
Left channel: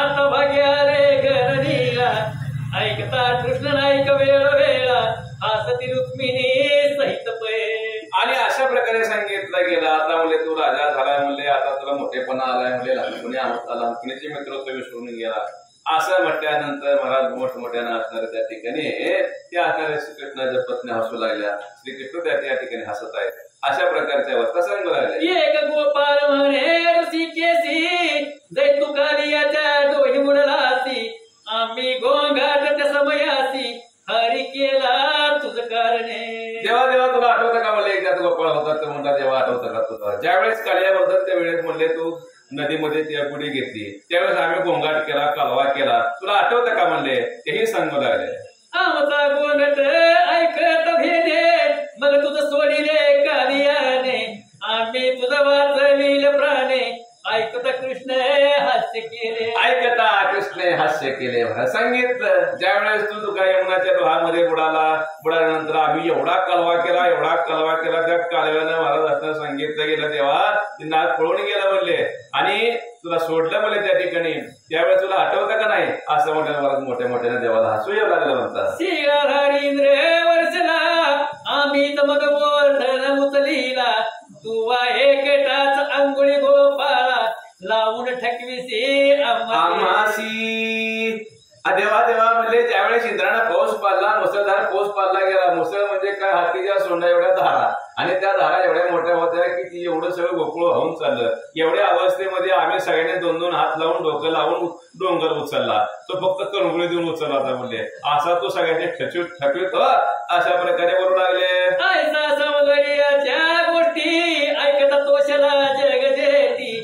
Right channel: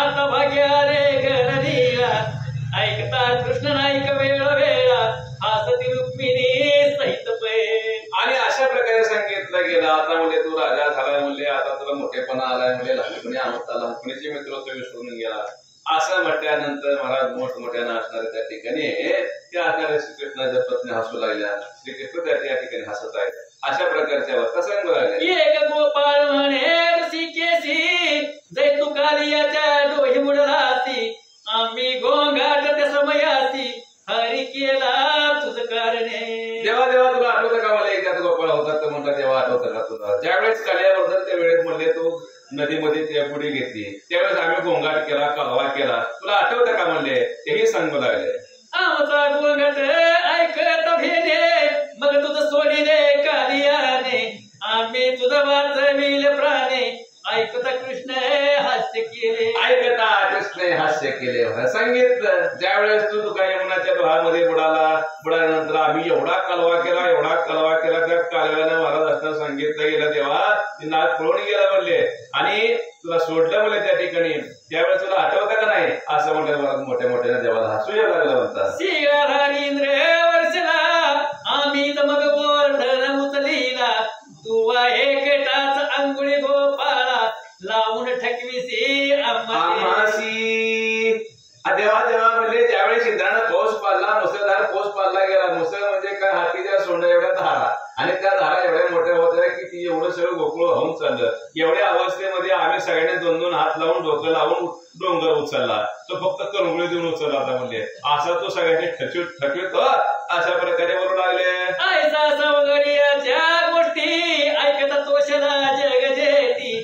आता भाग्या रे गणनीला ऐकता कृष्ण नाईक वेळ वेळा हासती रुक्मिणी सहित पै. आणि अशा प्रकारे सांगितलं गेलं. आता म्हणले तू राजा झालाय म्हणले, आता तुला मोठेपणा आलाय म्हणले, लहानपणी आहोत लहानपणीचे मित्रत्व विसरून गेला असं म्हटल्यानंतर महाराज मोठमोठ्यानं असणारे त्या ठिकाणी त्या असणाऱ्या श्रीकृष्णाच्या पत्नी हसू लागल्या. श्रीकृष्ण त्या ठिकाणी हसत आहेत. अशा प्रकारच्या अवस्था सांगू लागल्या. एक गोपाळ म्हणे ऋषिकेशी जै तू कालियाच्या डोही मुडलासी आम्ही गोंगाट त्या समयासी हरी केला तुझ कारणे. देवा देवा तुला आठवतं का मला एकदा गोपाळ होता तर म्हणला देवा आठवतं का तुला, ज्यावेळेस कालियाबद्दल त्या वेळेस म्हणले तू नदीमध्ये त्या बुडी घेतली त्यावेळेस आम्ही गोंगाट केला कालवा केला तुला आठवतं का म्हणले, तेही सांगू लागले. आमचा गोंगाट ऐकत भेदे मग तुझं सोडी दे कालियाने आम्ही तुझं वाचविल प्राणे ऐकता कृष्ण हास्य केले. ऐकता कृष्ण हास्य केले. सांगितलं ज्यावेळेस तू काही यमुनाच्या डोहामध्ये बुडाल्यानंतर आम्ही एवढा कालवा केला त्या कालव्यानं महाराज असताना सांगितलं गेलं तेव्हा ती नाग पळून गेला म्हणले आणि तुला सोडलं म्हणले त्या ठिकाणी. त्यावेळेस तुला आठवतं का नाही असं म्हणलं. महाराज मोठ्या मोठ्याने देवाला हसू यायला लागलं म्हणतात. शिराधारींद्र वर्षला आम्ही मग वर्धन उचलीला तू एकटाच अंगुळी गोपाळा लावून ठकविसी आम्हासी. देवा देवा म्हणजे ज्यावेळेस इंद्रानं पाऊस पाडला, मुसळधार पाऊस पाडला गेला. मुसळ म्हणजे काय, हातीच्या सोंडा एवढ्या धारा आणि त्या धारा एवढ्या मोठ्या होत्या की ती एवढं सगळं गोकुळ होऊन चाललं. एवढ्या अवस्थेमध्ये आम्ही सगळ्यांनी दोन दोन हात लावून डोकं लावून डोंगर उचलला. तो फक्त करंगुळी देऊन उचलला होता म्हणजे असा तो सगळ्यांनी ठकवित अशा प्रकारे बोलू लागले. ऐसा सवगडियाच्या गोष्टी ऐकता तोषला जग जेती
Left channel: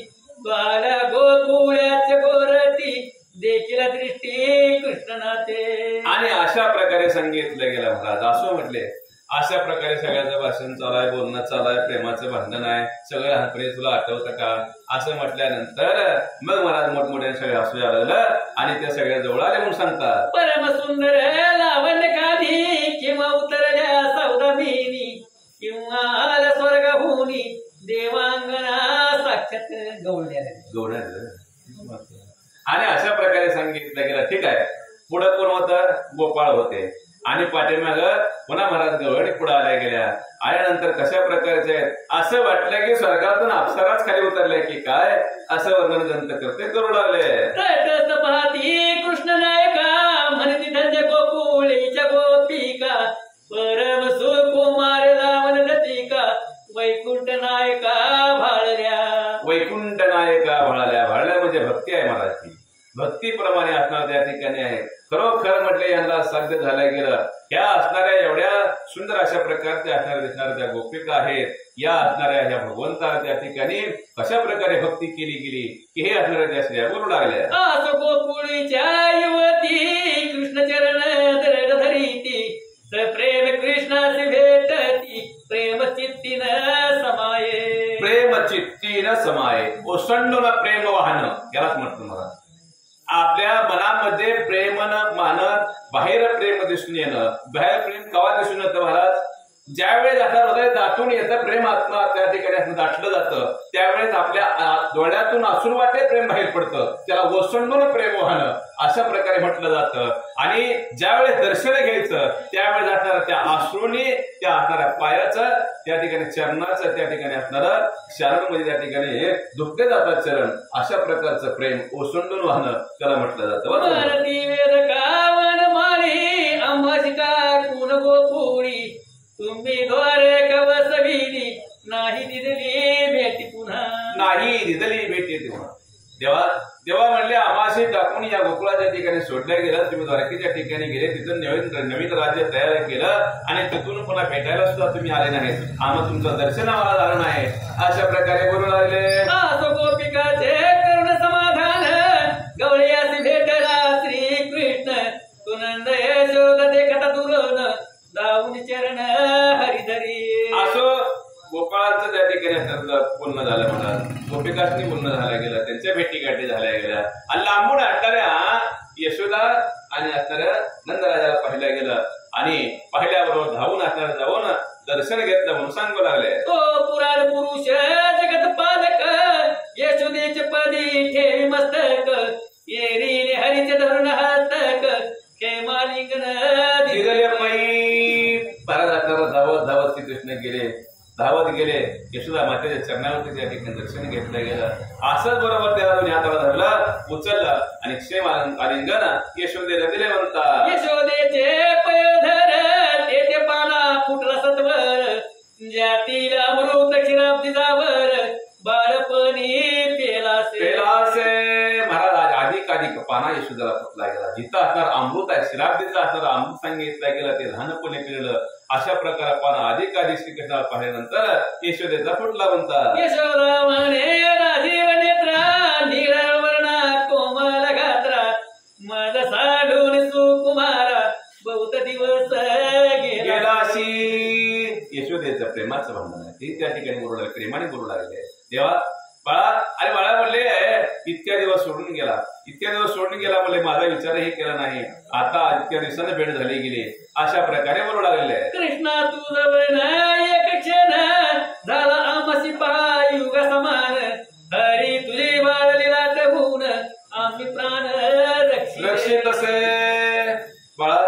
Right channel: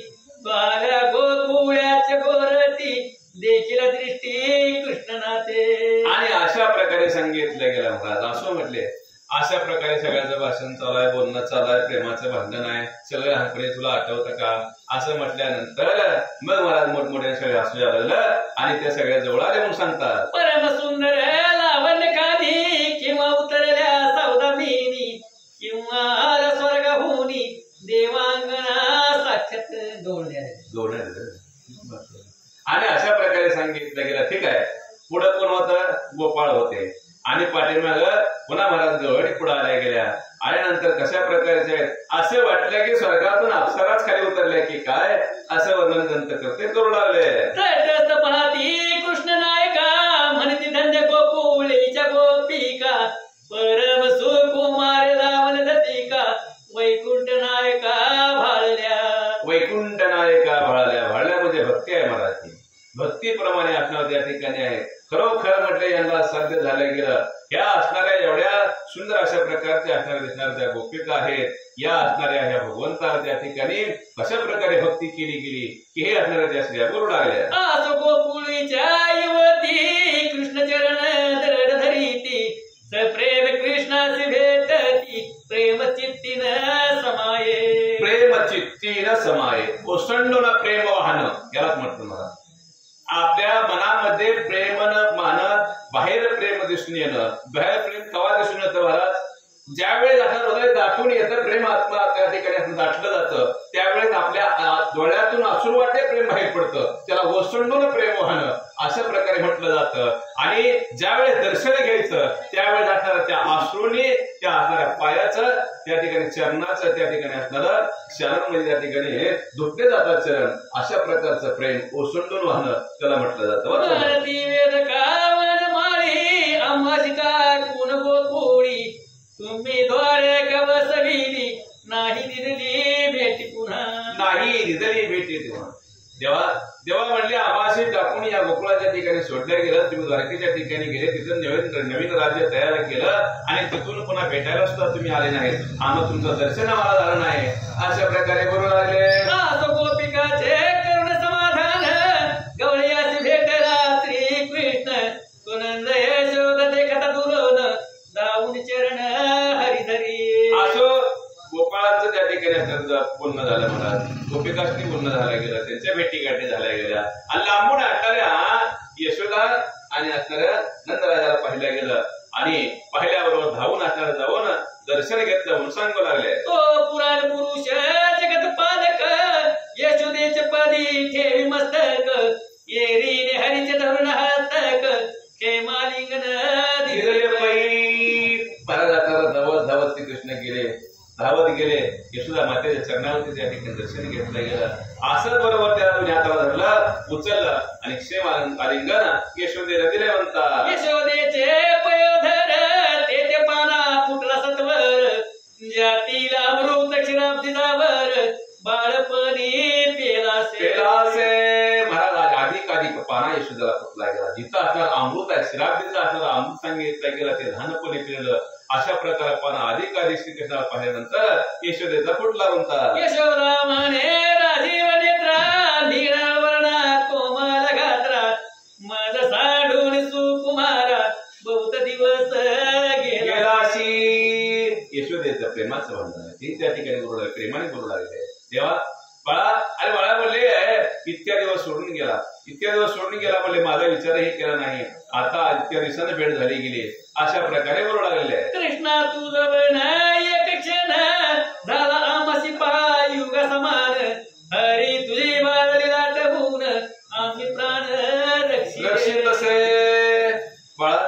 बाला गोकुळ्याच्या गोरती देखील दृष्टी कृष्णनाथे. आणि अशा प्रकारे सांगितलं गेलं महाराज. असं म्हटले अशा प्रकारे सगळ्याचं भाषण चालू आहे, बोलणं चालू आहे, प्रेमाचं भांडण आहे. सगळं लहानपणी तुला आठवतं का असं म्हटल्यानंतर मग महाराज मोठमोठ्या सगळे हसू लागलं आणि त्या सगळ्या जवळ आले म्हणून सांगतात. परम सुंदर लावण्य काधी किंवा उतरल्या सौदामिनी किंवा आल्या स्वर्गाहुनी देवांगणा साक्षात गौळल्या. आणि अशा प्रकारे सांगितलं गेलं. ठीक आहे. पुढं कोण होतं, गोपाळ होते आणि पाठीमाग पुन्हा महाराज गवळणी पुढे आल्या गेल्या. आल्यानंतर कशा प्रकारचे आहेत असं वाटलं की स्वर्गातून अप्सराच खाली उतरल्या की काय असं वर्णन ग्रंथ करते करू लागले. तटस्थ पाहती कृष्ण नायका म्हणती धन्य गोकुळीच्या गोपिका परम सुकुमार लावण दतिका वैकुंठ नायका भाळल्या. वैकुंठ नायका भाळल्या. भाळल्या म्हणजे भक्ती आहे महाराज. भक्तीप्रमाणे असणार त्या ठिकाणी आहे. खरोखर म्हटले यांना साध्य झालं गेलं. ह्या असणाऱ्या एवढ्या सुंदर अशा प्रकारच्या असणाऱ्या दिसणाऱ्या त्या गोपिका आहेत. या असणाऱ्या ह्या भगवंता त्या ठिकाणी कशा प्रकारे भक्ती केली गेली की हे असणाऱ्या त्या स्त्रिया बोलू लागल्या. आस गोकुळीच्या युवती कृष्ण चरण दरड धरीती प्रेम कृष्णाशी भेटती प्रेम चित्तीन समाये. प्रेम चित्तीन समाये. ओसंडून प्रेम वाहन यालाच म्हणतो महाराज. आपल्या मनामध्ये प्रेम मानत बाहेर प्रेम दिसून येणं. बाहेर प्रेम कवा दिसून येतं महाराज, ज्यावेळेस आता हृदय दाटून येतं प्रेम आत्मा त्या ठिकाणी दाटलं जातं त्यावेळेस आपल्या डोळ्यातून अश्रू वाटे प्रेम बाहेर पडतं. त्याला ओसंडून प्रेम वाहन अशा प्रकारे म्हटलं जातं. आणि ज्यावेळेस दर्शन घ्यायचं त्यावेळेस असणाऱ्या त्या अश्रूने त्या असणाऱ्या पायाचं त्या ठिकाणी चरणाचं त्या ठिकाणी असणारं शरण म्हणजे त्या ठिकाणी धुतले जातात चरण. अशा प्रकारचं प्रेम ओसंडून वाहन त्याला म्हटलं जातं. भारती वेदकावन माळी आम्हाशी टाकून गोकुळी तुम्ही द्वारे कवसविली नाही दिदली भेटी पुन्हा. नाही दिदली भेटी तेव्हा देवा देवा म्हणले आम्हाशी टाकून या गोकुळाच्या ठिकाणी सोडल्या गेलं. तुम्ही द्वारकेच्या ठिकाणी गेले, तिथून नवीन राज्य तयार केलं आणि तिथून पुन्हा भेटायला सुद्धा तुम्ही आले नाहीत. आम्हाला तुमचं दर्शन आम्हाला झालं नाही. अशा प्रकारे बोलू लागले. गोपिकाचे करुण समाधान गवळ्याशी भेटला श्रीकृष्ण सुनंद यशोद देखता दुरून दाऊन चरण हरिधरी. असं गोपाळाचं त्या ठिकाणी बोलणं बोलणं झालं महाराज, गोपिकांनी बोलणं झालं गेलं, त्यांच्या भेटीगाठी झाल्या गेल्या आणि लांबून असणाऱ्या यशोदा आणि असणाऱ्या नंदराजाला पाहिलं गेलं आणि पाहिल्याबरोबर धावून असणाऱ्या जाऊन दर्शन घेतलं म्हणून सांगू लागले. तो पुराण पुरुष जगत पालक यशोदेचे पदी ठेवी मस्तक येरीने हरीचे धरून हस्तक क्षेमालिंगन दिले बाई. महाराज आता धावत धावत श्रीकृष्ण गेले, धावत गेले यशोदा मातेच्या चरणावरती त्या ठिकाणी दर्शन घेतलं गेलं. असंच बरोबर त्याला हाताला धरलं, उचललं आणि क्षेम आलिंगन यशोदेला दिले म्हणतात. यशोदेचे पयोधर ते पाना फुटला सत्वर जातीला अमृत क्षीराब्दीजावर बाळपणी पेलासे. महाराज अधिक पाना यशोदेला फुटला गेला. जिथं असणार अमृत आहे, क्षीराब्दीचं असणार अमृत सांगितलं गेलं, ते लहानपणी पिळलं. अशा प्रकारे पाना अधिक श्रीकृष्णाला पाहिल्यानंतर यशोदेचा फुटला म्हणतात. यशोदा म्हणे राजीव नेत्रा निळा वर्णा कोमल गात्रा माझा साडून सुकुमारा बहुत दिवस गेलाशी. यशोदेचं प्रेमाचं भांडण आहे, ते त्या ठिकाणी बोलू लागले, प्रेमाने बोलू लागले. तेव्हा बाळा, अरे बाळा म्हणले इतक्या दिवस सोडून गेला, इतक्या दिवस सोडून गेला म्हणले, माझा विचारही केला नाही, आता इतक्या दिवसानं भेट झाली गेली. अशा प्रकारे बोलू लागले. कृष्णा तुझं एक क्षण झाला आमसी युग समान हरी तुझी बाळली लाटवून आम्ही प्राण रक्षित असे. बाळा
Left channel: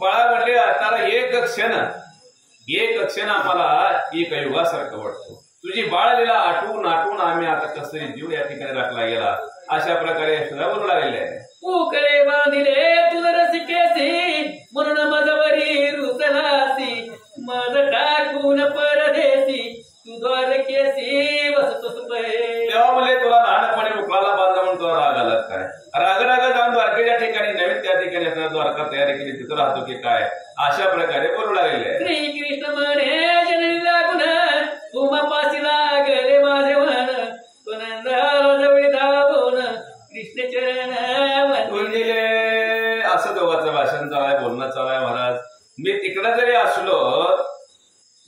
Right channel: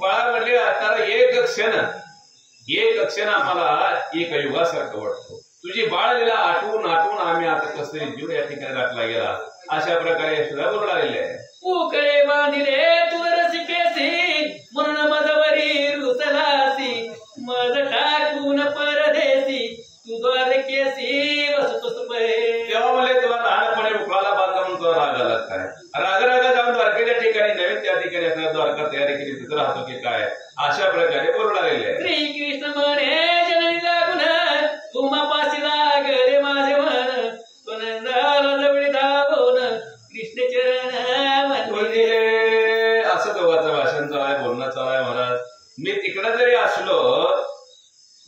बाळा म्हणले आता एक क्षण आम्हाला एक युगासारखं वाटतो. तुझी बाळलीला आठवून आठवून आम्ही आता कसं जीव या ठिकाणी राखला गेला. अशा प्रकारे यशोदा बोलू लागले. उकडे बांधिले तुझ रसिकेसी म्हणून मजवरी रुसलासी मज टाकून परदेसी तू द्वारकेसी बसतोस तेव्हा म्हणले तुला लहानपणे उकळाला बांधला म्हणून तुला राग आला काय? राग जाऊन द्वारकेच्या ठिकाणी नवीन त्या ठिकाणी असणार द्वारका तयारी केली, तिथं राहतो की काय? अशा प्रकारे बोलू लागले. श्रीकृष्ण म्हणे जननी लागून तुम्हापाशी लागले माझे मन तो नंदाला जवळ धावून कृष्ण चरण म्हणजे असं दोघांचं भाषण चालू आहे, बोलणं चालू आहे. महाराज मी तिकडं जरी असलो,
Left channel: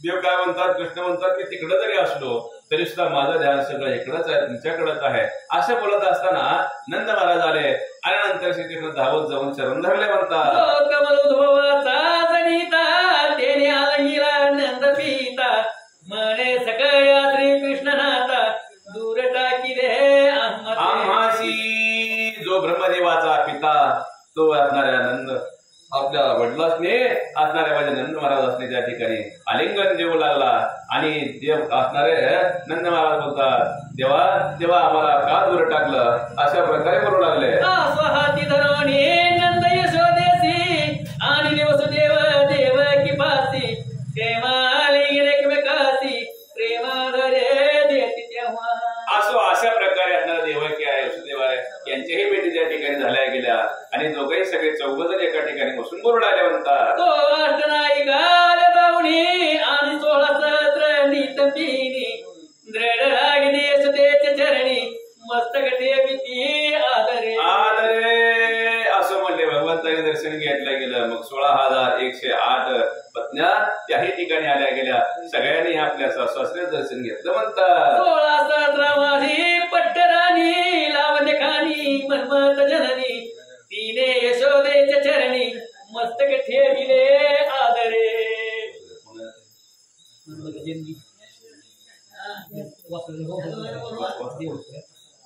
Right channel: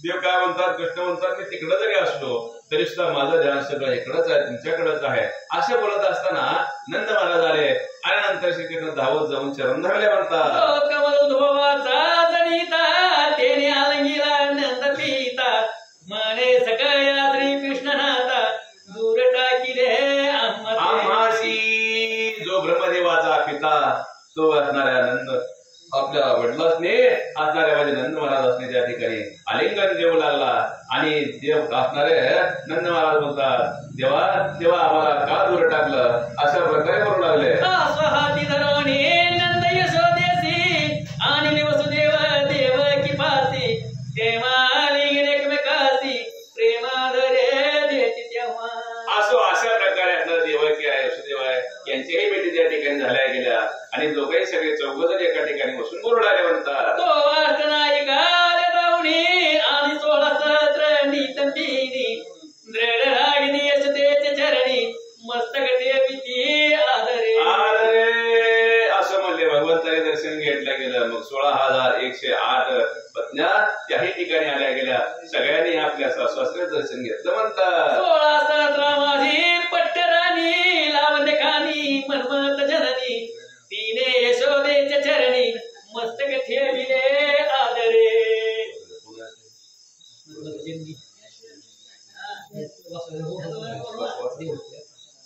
देव काय म्हणतात, कृष्ण म्हणतात, मी तिकडं जरी असलो तरी सुद्धा माझं ध्यान सगळं इकडंच आहे, तुमच्याकडेच आहे. असं बोलत असताना नंद महाराज आले आणि नंतर श्रीकृष्ण धावत जाऊन चरण धरले म्हणतात. कमलोद्भवाचा जनिता तेने आलंगीला नंद पिता म्हणे सकया श्रीकृष्ण नाता दूर टाकिले आम्हासी. जो ब्रह्मदेवाचा पिता तो असणाऱ्या नंद आपल्या वडिलांनी असणाऱ्या माझे नंद महाराज असणे त्या ठिकाणी आलिंगन देऊ लागला आणि देव असणारे नंद महाराज बोलतात, देवा देवा आम्हाला का दूर टाकलं? अशा प्रकारे बोलू लागले. स्वहाती धरणी नंद यशोदेसी आणि वसुदेव देव की पासी तेव्हा आलिंगन एकमेकासी प्रेमाधरे देती तेव्हा. असो अशा प्रकारे असणारा देवकी आहे, वसुदेव आहे, यांच्याही भेटी त्या ठिकाणी झाल्या गेल्या आणि दोघंही सगळे चौघजण एका ठिकाणी बसून बोलू लागले म्हणतात. तो अष्टनायिका जाऊनी आणि 16 सहस्र नीतंबिनी दृढ लागली यशोदेच्या चरणी मस्तक ठेविती आदरे आदरे. असं म्हणले भगवंताने दर्शन घेतलं गेलं. मग 16,108 पत्न्या त्याही ठिकाणी आल्या गेल्या. सगळ्यांनी आपल्या सासरे दर्शन घेतलं म्हणतात. 16 सहस्र माझी पट्टराणी लावणे खानी मनमत जननी तिने यशोदेच्या चरणी मस्तक ठेविले आदरे.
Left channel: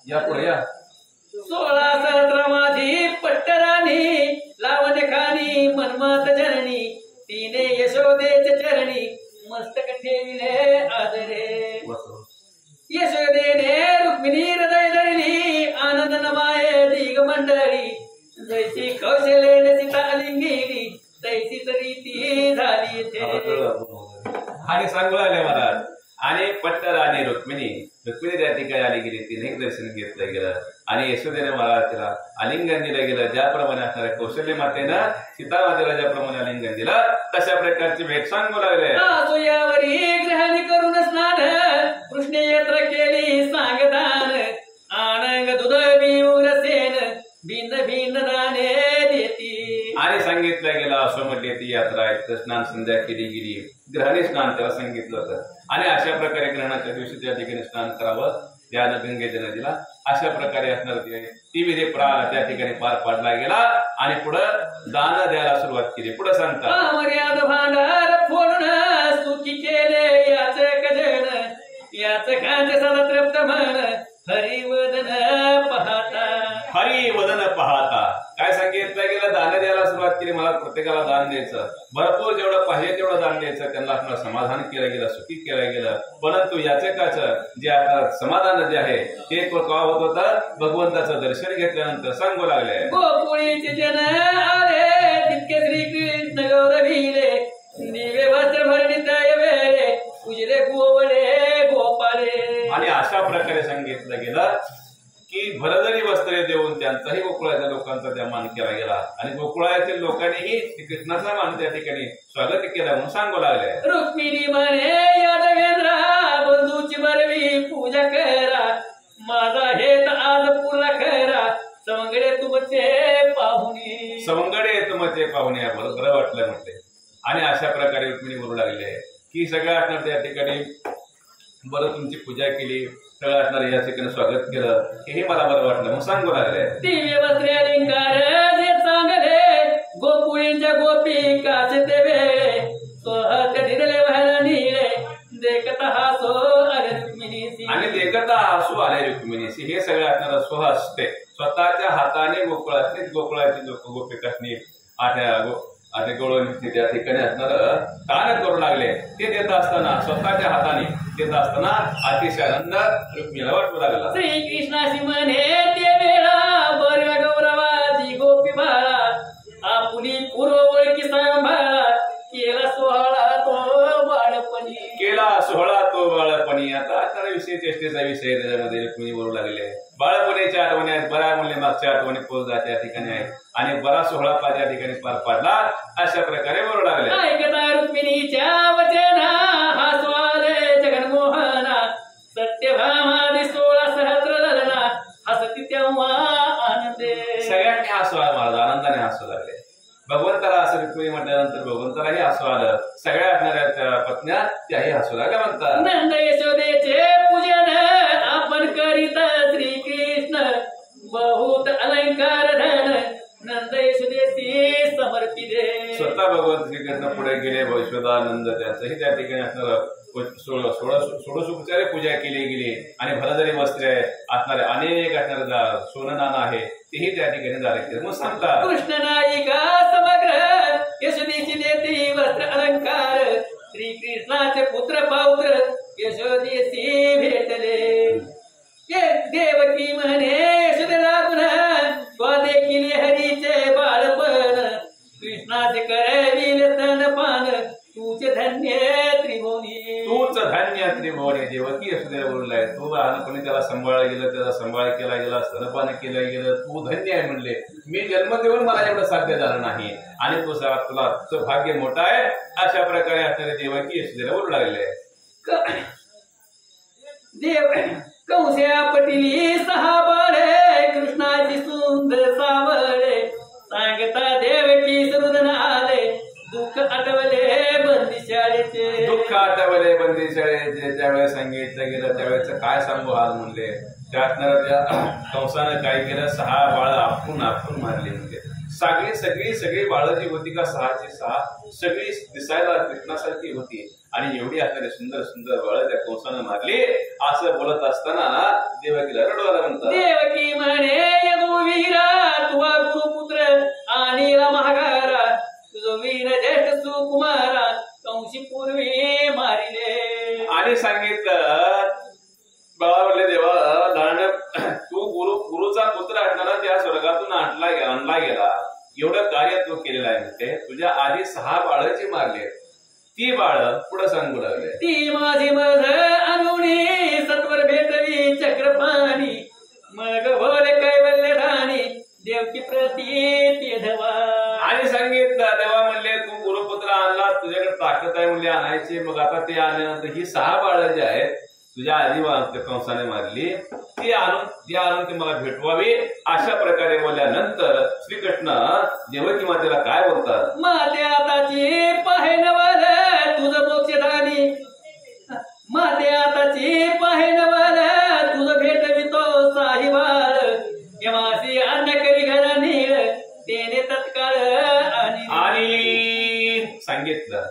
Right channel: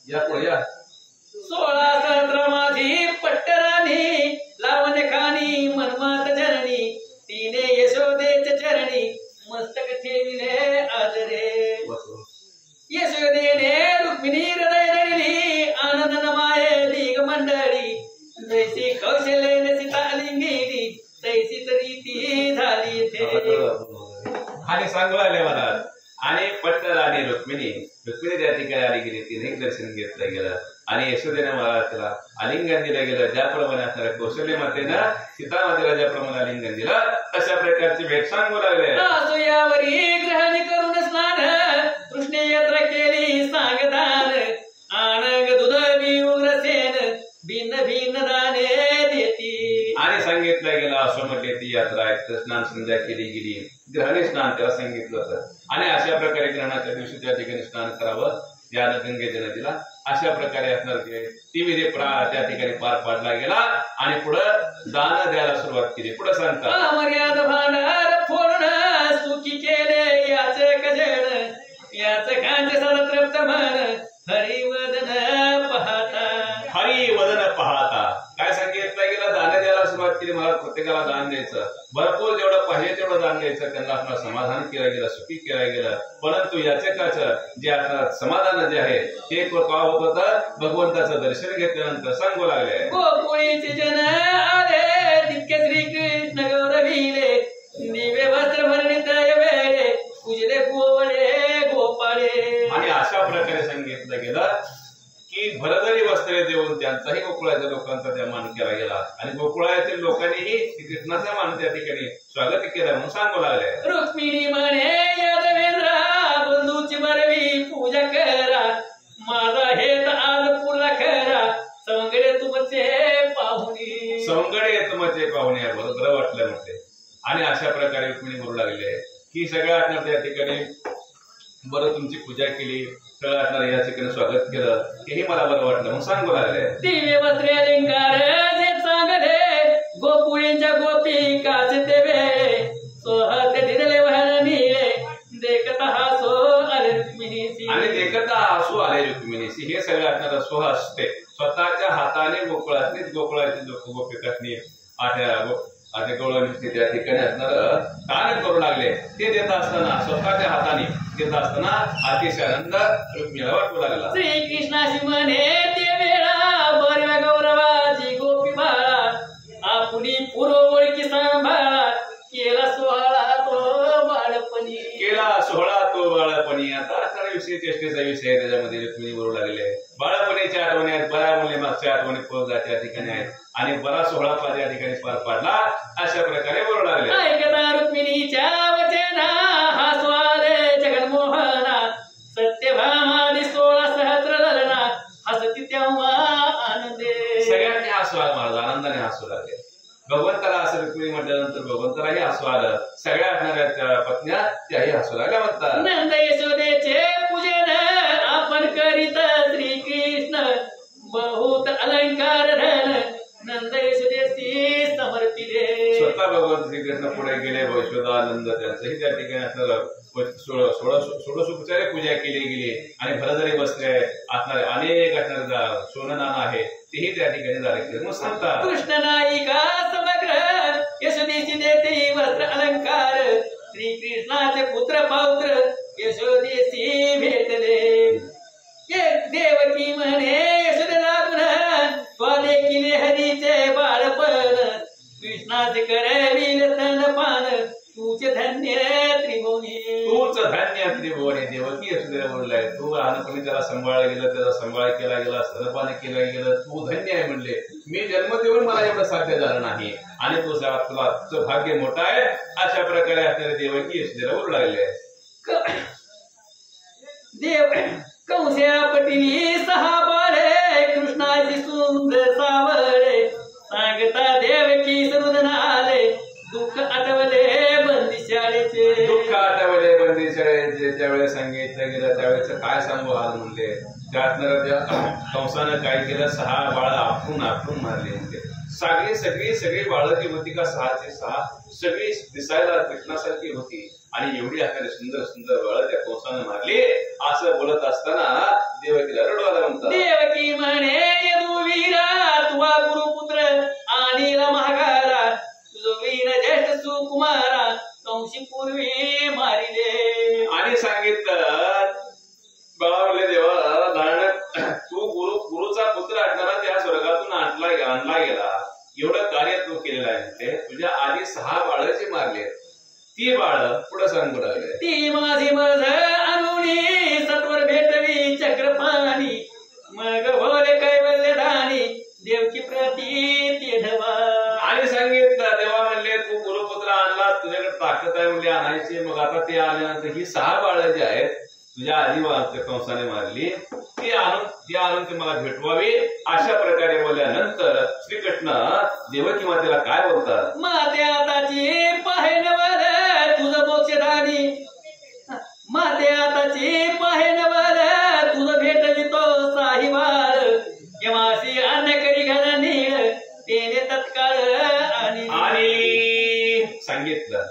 या पुढे या. 16 सहस्र माझी पट्टराणी लावणे खानी मनमत जननी तिने यशोदेच्या चरणी मस्तक ठेविले आदरे. यशोदेने रुक्मिणी हृदय धरली आनंद नमाये दिग मंडळी जैसी कौशलेने सीता लिंगिणी तैसीच रीती झाली आणि सांगू लागले महाराज. आणि पट्टर आणि रुक्मिणी त्या ठिकाणी आली गेली, तिने दर्शन घेतलं गेलं आणि यशोदेने महाराज त्याला आलिंगन दिलं गेलं. ज्याप्रमाणे असणाऱ्या कौशल्य मातेनं सीता मातेला ज्याप्रमाणे आलिंगन दिलं तशा प्रकारची भेट सांगू लागले. यावरी ग्रहणी करून स्नान कृष्ण यात्रा केली सांगदान आनंद दुध उग्रसेन भिन्न भिन्न दाने देती. आणि सांगितलं गेलं अश्वमध्ये ती यात्रा आहे, स्नान संध्या केली गेली, ग्रहणी स्नान त्याला सांगितलं होतं. आणि अशा प्रकारे ग्रहणाच्या दिवशी त्या ठिकाणी स्नान करावं करावं या गंगेच्या नदीला. अशा प्रकारे असणार ती विधी त्या ठिकाणी पार पाडला गेला आणि पुढं दान द्यायला सुरुवात केली. पुढे सांगतात मर्याद भांडार फोडून सुखी केले याचे कजन याचे खांचे सदा तृप्त मन हरिवदन पाहता. हरिवदन पाहता काय सांगितलं गेलं? दान द्यायला सुरुवात केली. मला प्रत्येकाला दान द्यायचं, भरपूर जेवढं पाहिजे तेवढं दान द्यायचं. त्यांना आपलं समाधान केलं गेलं, सुखी केलं गेलं. परंतु याचे काच जे आता समाधान जे आहे ते का होत होतं? भगवंताचं दर्शन घेतल्यानंतर सांगू लागले. गोकुळीचे जन आले तितके श्रीकृष्ण गौरविले दिवे वस्त्र भरणित वेळे उजले गोवळे गोपाळे. आणि अशा प्रकारे सांगितलं गेलं की भरदरी वस्त्रे देऊन त्यांचाही गोकुळाच्या लोकांचा त्या मान केला गेला आणि गोकुळातील लोकांनीही कृष्णाचा मान त्या ठिकाणी स्वागत केलं म्हणून सांगू लागले. रुक्मिणी म्हणे यादवेंद्रा बंधूची बरवी पूजा करा माझा हेत आज पुरा खरा सवंगडे तुमचे पाहुणे. सवंगडे तुमचे पाहुणे बरं वाटलं म्हणते. आणि अशा प्रकारे रुक्मिणी बोलू लागले की सगळ्या असणार त्या ठिकाणी बरं तुमची पूजा केली, सगळं असणार या ठिकाणी स्वागत केलं, हे मला बरं वाटलं म्हणून सांगू लागले. दिव्य वस्त्रे अलंकार जे चांगले गोकुळींच्या गोपिकाचे ते वेळे सोहत दिदले वहन निळे देखता हासो आले रुक्मिणीसी. आणि देखता हासू आले रुक्मिणीसी हे सगळं असणार स्वहस्ते स्वतःच्या हाताने गोकुळातील लोक गोपिकांनी आठे गवळण त्या ठिकाणी असणार दान करू लागले. ते देत असताना स्वतःच्या हाताने देत असताना अतिशय आनंद रुक्मिणीला वाटू लागला. श्रीकृष्णाशी म्हणे ते वेळा बरव्या गौरवाची गोपी बाळा आपुली पूर्ववळकी सांभाळा केला सोहळा तो बाळपणी. केला सोहळा तो बाळपणी. आता असणारा विषय चेष्टेचा विषय त्याच्यामध्ये रुक्मिणी बोलू लागले. बाळपणीच्या आठवणी आहेत, बऱ्या मुले मागच्या आठवणी त्या ठिकाणी आहेत आणि बरा सोहळा त्या ठिकाणी पार पाडला अशा प्रकारे बोलू लागले. ऐकता रुक्मिणीच्या वचना हा स्वाले जगन्मोहना सत्यभामादी 16 सहस्र ललना हसती तेव्हा आनंदे. सगळ्यांनी हसू आलं, महाराज आनंदाने हसू लागले. भगवंताला असं रुक्मिणी म्हटल्यानंतर भगवंतालाही हसू आलं. सगळ्या असणाऱ्या पत्न्या त्याही हसू लागल्या म्हणतात. नंद यशोदेचे पूजन आपण करीत श्रीकृष्ण बहुत अलंकार धन नंद यशोदेसी समर्पिले. स्वतः भगवंत श्रीकृष्ण पुढे गेले. यशोदानंद त्यांचंही त्या ठिकाणी असणारं षोडशोपचारे पूजा केली गेली आणि भरदरी वस्त्रे असणारे अनेक असणारे सोनं नाणं आहे तेही त्या ठिकाणी झाले म्हणून सांगतात. कृष्ण नायिका समग्र यशोदेची देती वस्त्र अलंकार श्रीकृष्णाचे पुत्र पौत्र यशोदेसी भेटले. देवकी म्हणे यशोदेला पुन्हा त्वा देखील हरीचे बाळपण कृष्णाचे करविल स्तनपान तूचे धन्य त्रिभुवनी. तूच धन्य त्रिभुवनी. देवकी यशोदेला बोललाय तू लहानपणी त्याला सांभाळलं गेलं, त्याचा सांभाळ केला गेला, स्तनपान केलं गेलं, तू धन्य आहे म्हणले. मी जन्म देऊन मला एवढं साध्य झालं नाही आणि तुला तुझं भाग्य मोठं आहे अशा प्रकारे असणारे देवकी यशोदेला बोलू लागले. देव कंस्या पटिली 6 बाळे कृष्णाची सुंदर सावळे सांगता देवकी सरुदन आले दुःख आठवले बंदी शाळेचे. दुःख आठवले बंदी शाळेचे. ज्यावेळेस सांगितलं गेलं त्यावेळेस काय सांगू हाल म्हणले. त्या असणाऱ्या कंसानं काय केलं 6 बाळ आपण मारले म्हणजे सगळी बाळं जी होती का 6ची 6 सगळी दिसायला कृष्णासारखी होती आणि एवढी असणारी सुंदर सुंदर बाळ त्या कंसानं मारली. असं बोलत असताना देवकीला रडवायला म्हणतात. देवकी म्हणे यदुवीरा तुवा गुरुपुत्र आणि माघारा तुझ वीर ज्येष्ठ सुकुमारा कंसी पूर्वी मारिले. आणि सांगितलं बाळा म्हणले देवा नारायण तू गुरुचा पुत्र असताना त्या स्वर्गातून आणला गेला. एवढं कार्य तू केलेलं आहे म्हणते. तुझ्या आधी 6 बाळ जे मारले ती बाळ पुढे सांगू लागले. ती माझी मध अनुनी सत्वर भेटवी चक्रपाणी मग भोले कैवल्य धानी देवकी प्रती धवा. आणि सांगितलं देवा म्हणले तू गुरुपुत्र आणला तुझ्याकडे ताकद आहे म्हणले आणायची. मग आता ते आल्यानंतर ही 6 बाळ जी आहेत तुझ्या आधी कंसाने मारली ती आणून ते मला भेटवावी अशा प्रकारे बोलल्यानंतर श्रीकृष्ण देवकी मातेला काय बोलतात. माते आताची पाहे नवल तुझं मोक्षधानी माते आताची पाहे नवल सांगितलं.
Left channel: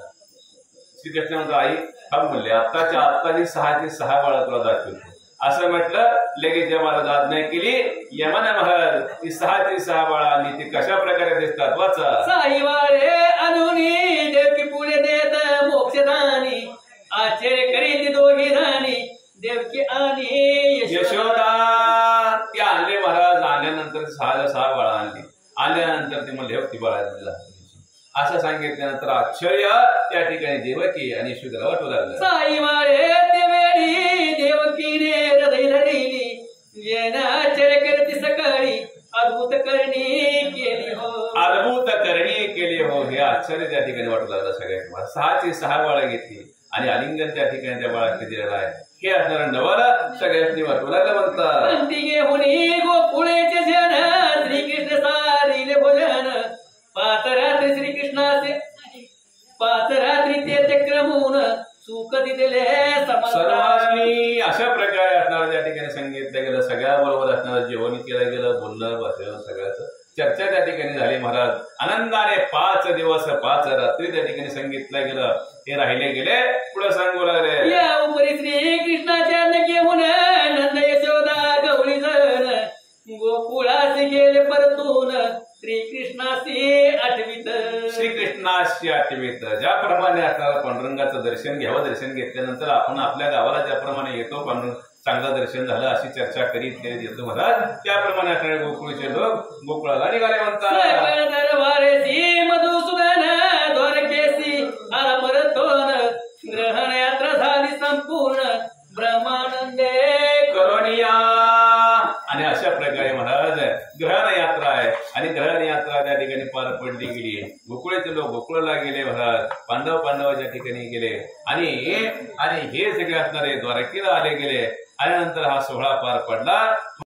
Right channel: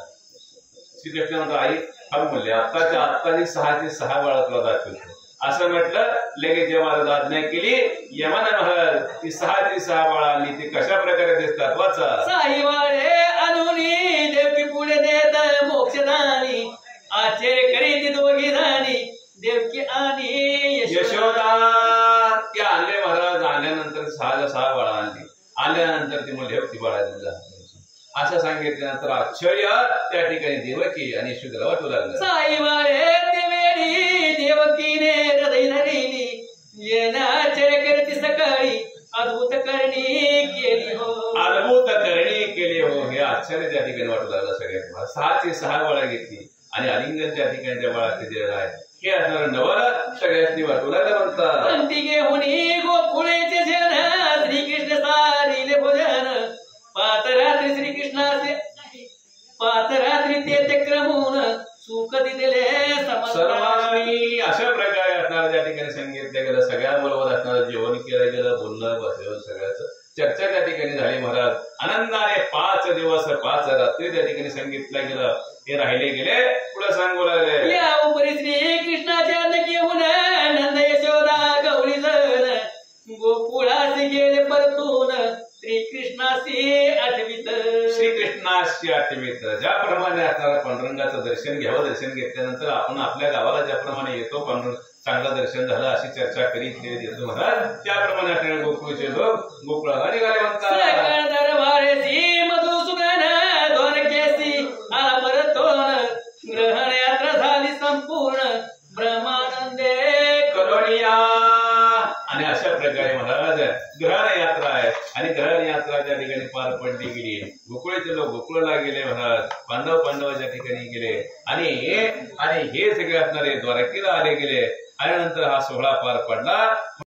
श्रीकृष्ण म्हणतो आई थांब म्हणले, आत्ताच्या आत्ता 6 बाळा तुला दाखवतो असं म्हटलं. लगेच यमाला आज्ञा केली. यमाने महाराज ती 6 बाळा आणि ती कशा प्रकारे दिसतात वाचा. 6 बाळे अनुनी देवकी पुढे देत मोक्षदानी, आश्चर्य करीत दोघी धानी देवकी आणि यशोदा. ती आणले महाराज. आणल्यानंतर 6 बाळा आणली. आल्यानंतर ती म्हणले ती बाळा असं सांगितल्यानंतर आश्चर्य त्या ठिकाणी देवकी आणि यशोदाला वाटू लागलं. 6 बाळे देवेली देवकीने हृदय धरिली, येणं आश्चर्य करती सकाळी अद्भुत करणी केली हो. अद्भुत करणी केली हो. हे आश्चर्य त्या ठिकाणी वाटू लागलं सगळ्यात. 6 बाळा घेतली आणि आलिंगन त्या ठिकाणी त्या बाळात दिलेलं आहे. हे असणार नवल सगळ्यांनी वाटू लागलं म्हणतात. पंथी घेऊन गोकुळेचे जन श्रीकृष्ण सारिले भोजन, 5 रात्री श्रीकृष्णाचे 5 रात्री ते क्रमून सुख दिले सर्वांनी. अशा प्रकारे असणार त्या ठिकाणी सांगितलं गेलं. सगळ्या बरोबर असणार जेवण केलं गेलं, बोलणं बसलं, सगळ्याच चर्चा त्या ठिकाणी झाली. महाराज आनंदाने 5 दिवस 5 रात्री त्या ठिकाणी सांगितलं गेलं. हे राहिले गेले. पुढे सांगू लागले. या उपरी श्रीकृष्णाच्या घेऊन नंद यशोदा गौरी जण गोकुळासी गेले परतून श्रीकृष्णासी आठवीत. श्रीकृष्णाशी आठवीत. ज्याप्रमाणे असणारा पांडुरंगाचं दर्शन घ्यावं. दर्शन घेतल्यानंतर आपण आपल्या गावाला ज्याप्रमाणे येतो, पांडुरंग चांगलं दर्शन झालं अशी चर्चा करीत येतो महाराज. त्याप्रमाणे असणारे गोकुळचे लोक गोकुळाला निघाले म्हणतात. दरबारेसी मधुसूदन द्वारकेसी आला परतोन, ग्रहण यात्रा झाली संपूर्ण ब्रह्मानंदे करोनिया. आणि अशा प्रकारे महाराज ग्रहण यात्रा आहे आणि ग्रहण यात्रा त्या ठिकाणी पार पडली गेली. गोकुळाचे लोक गोकुळाला गेले महाराज. पांडवाच्या ठिकाणी गेले आणि हे सगळे असणारे द्वारकेला आले गेले. आल्यानंतर हा सोहळा पार पडला.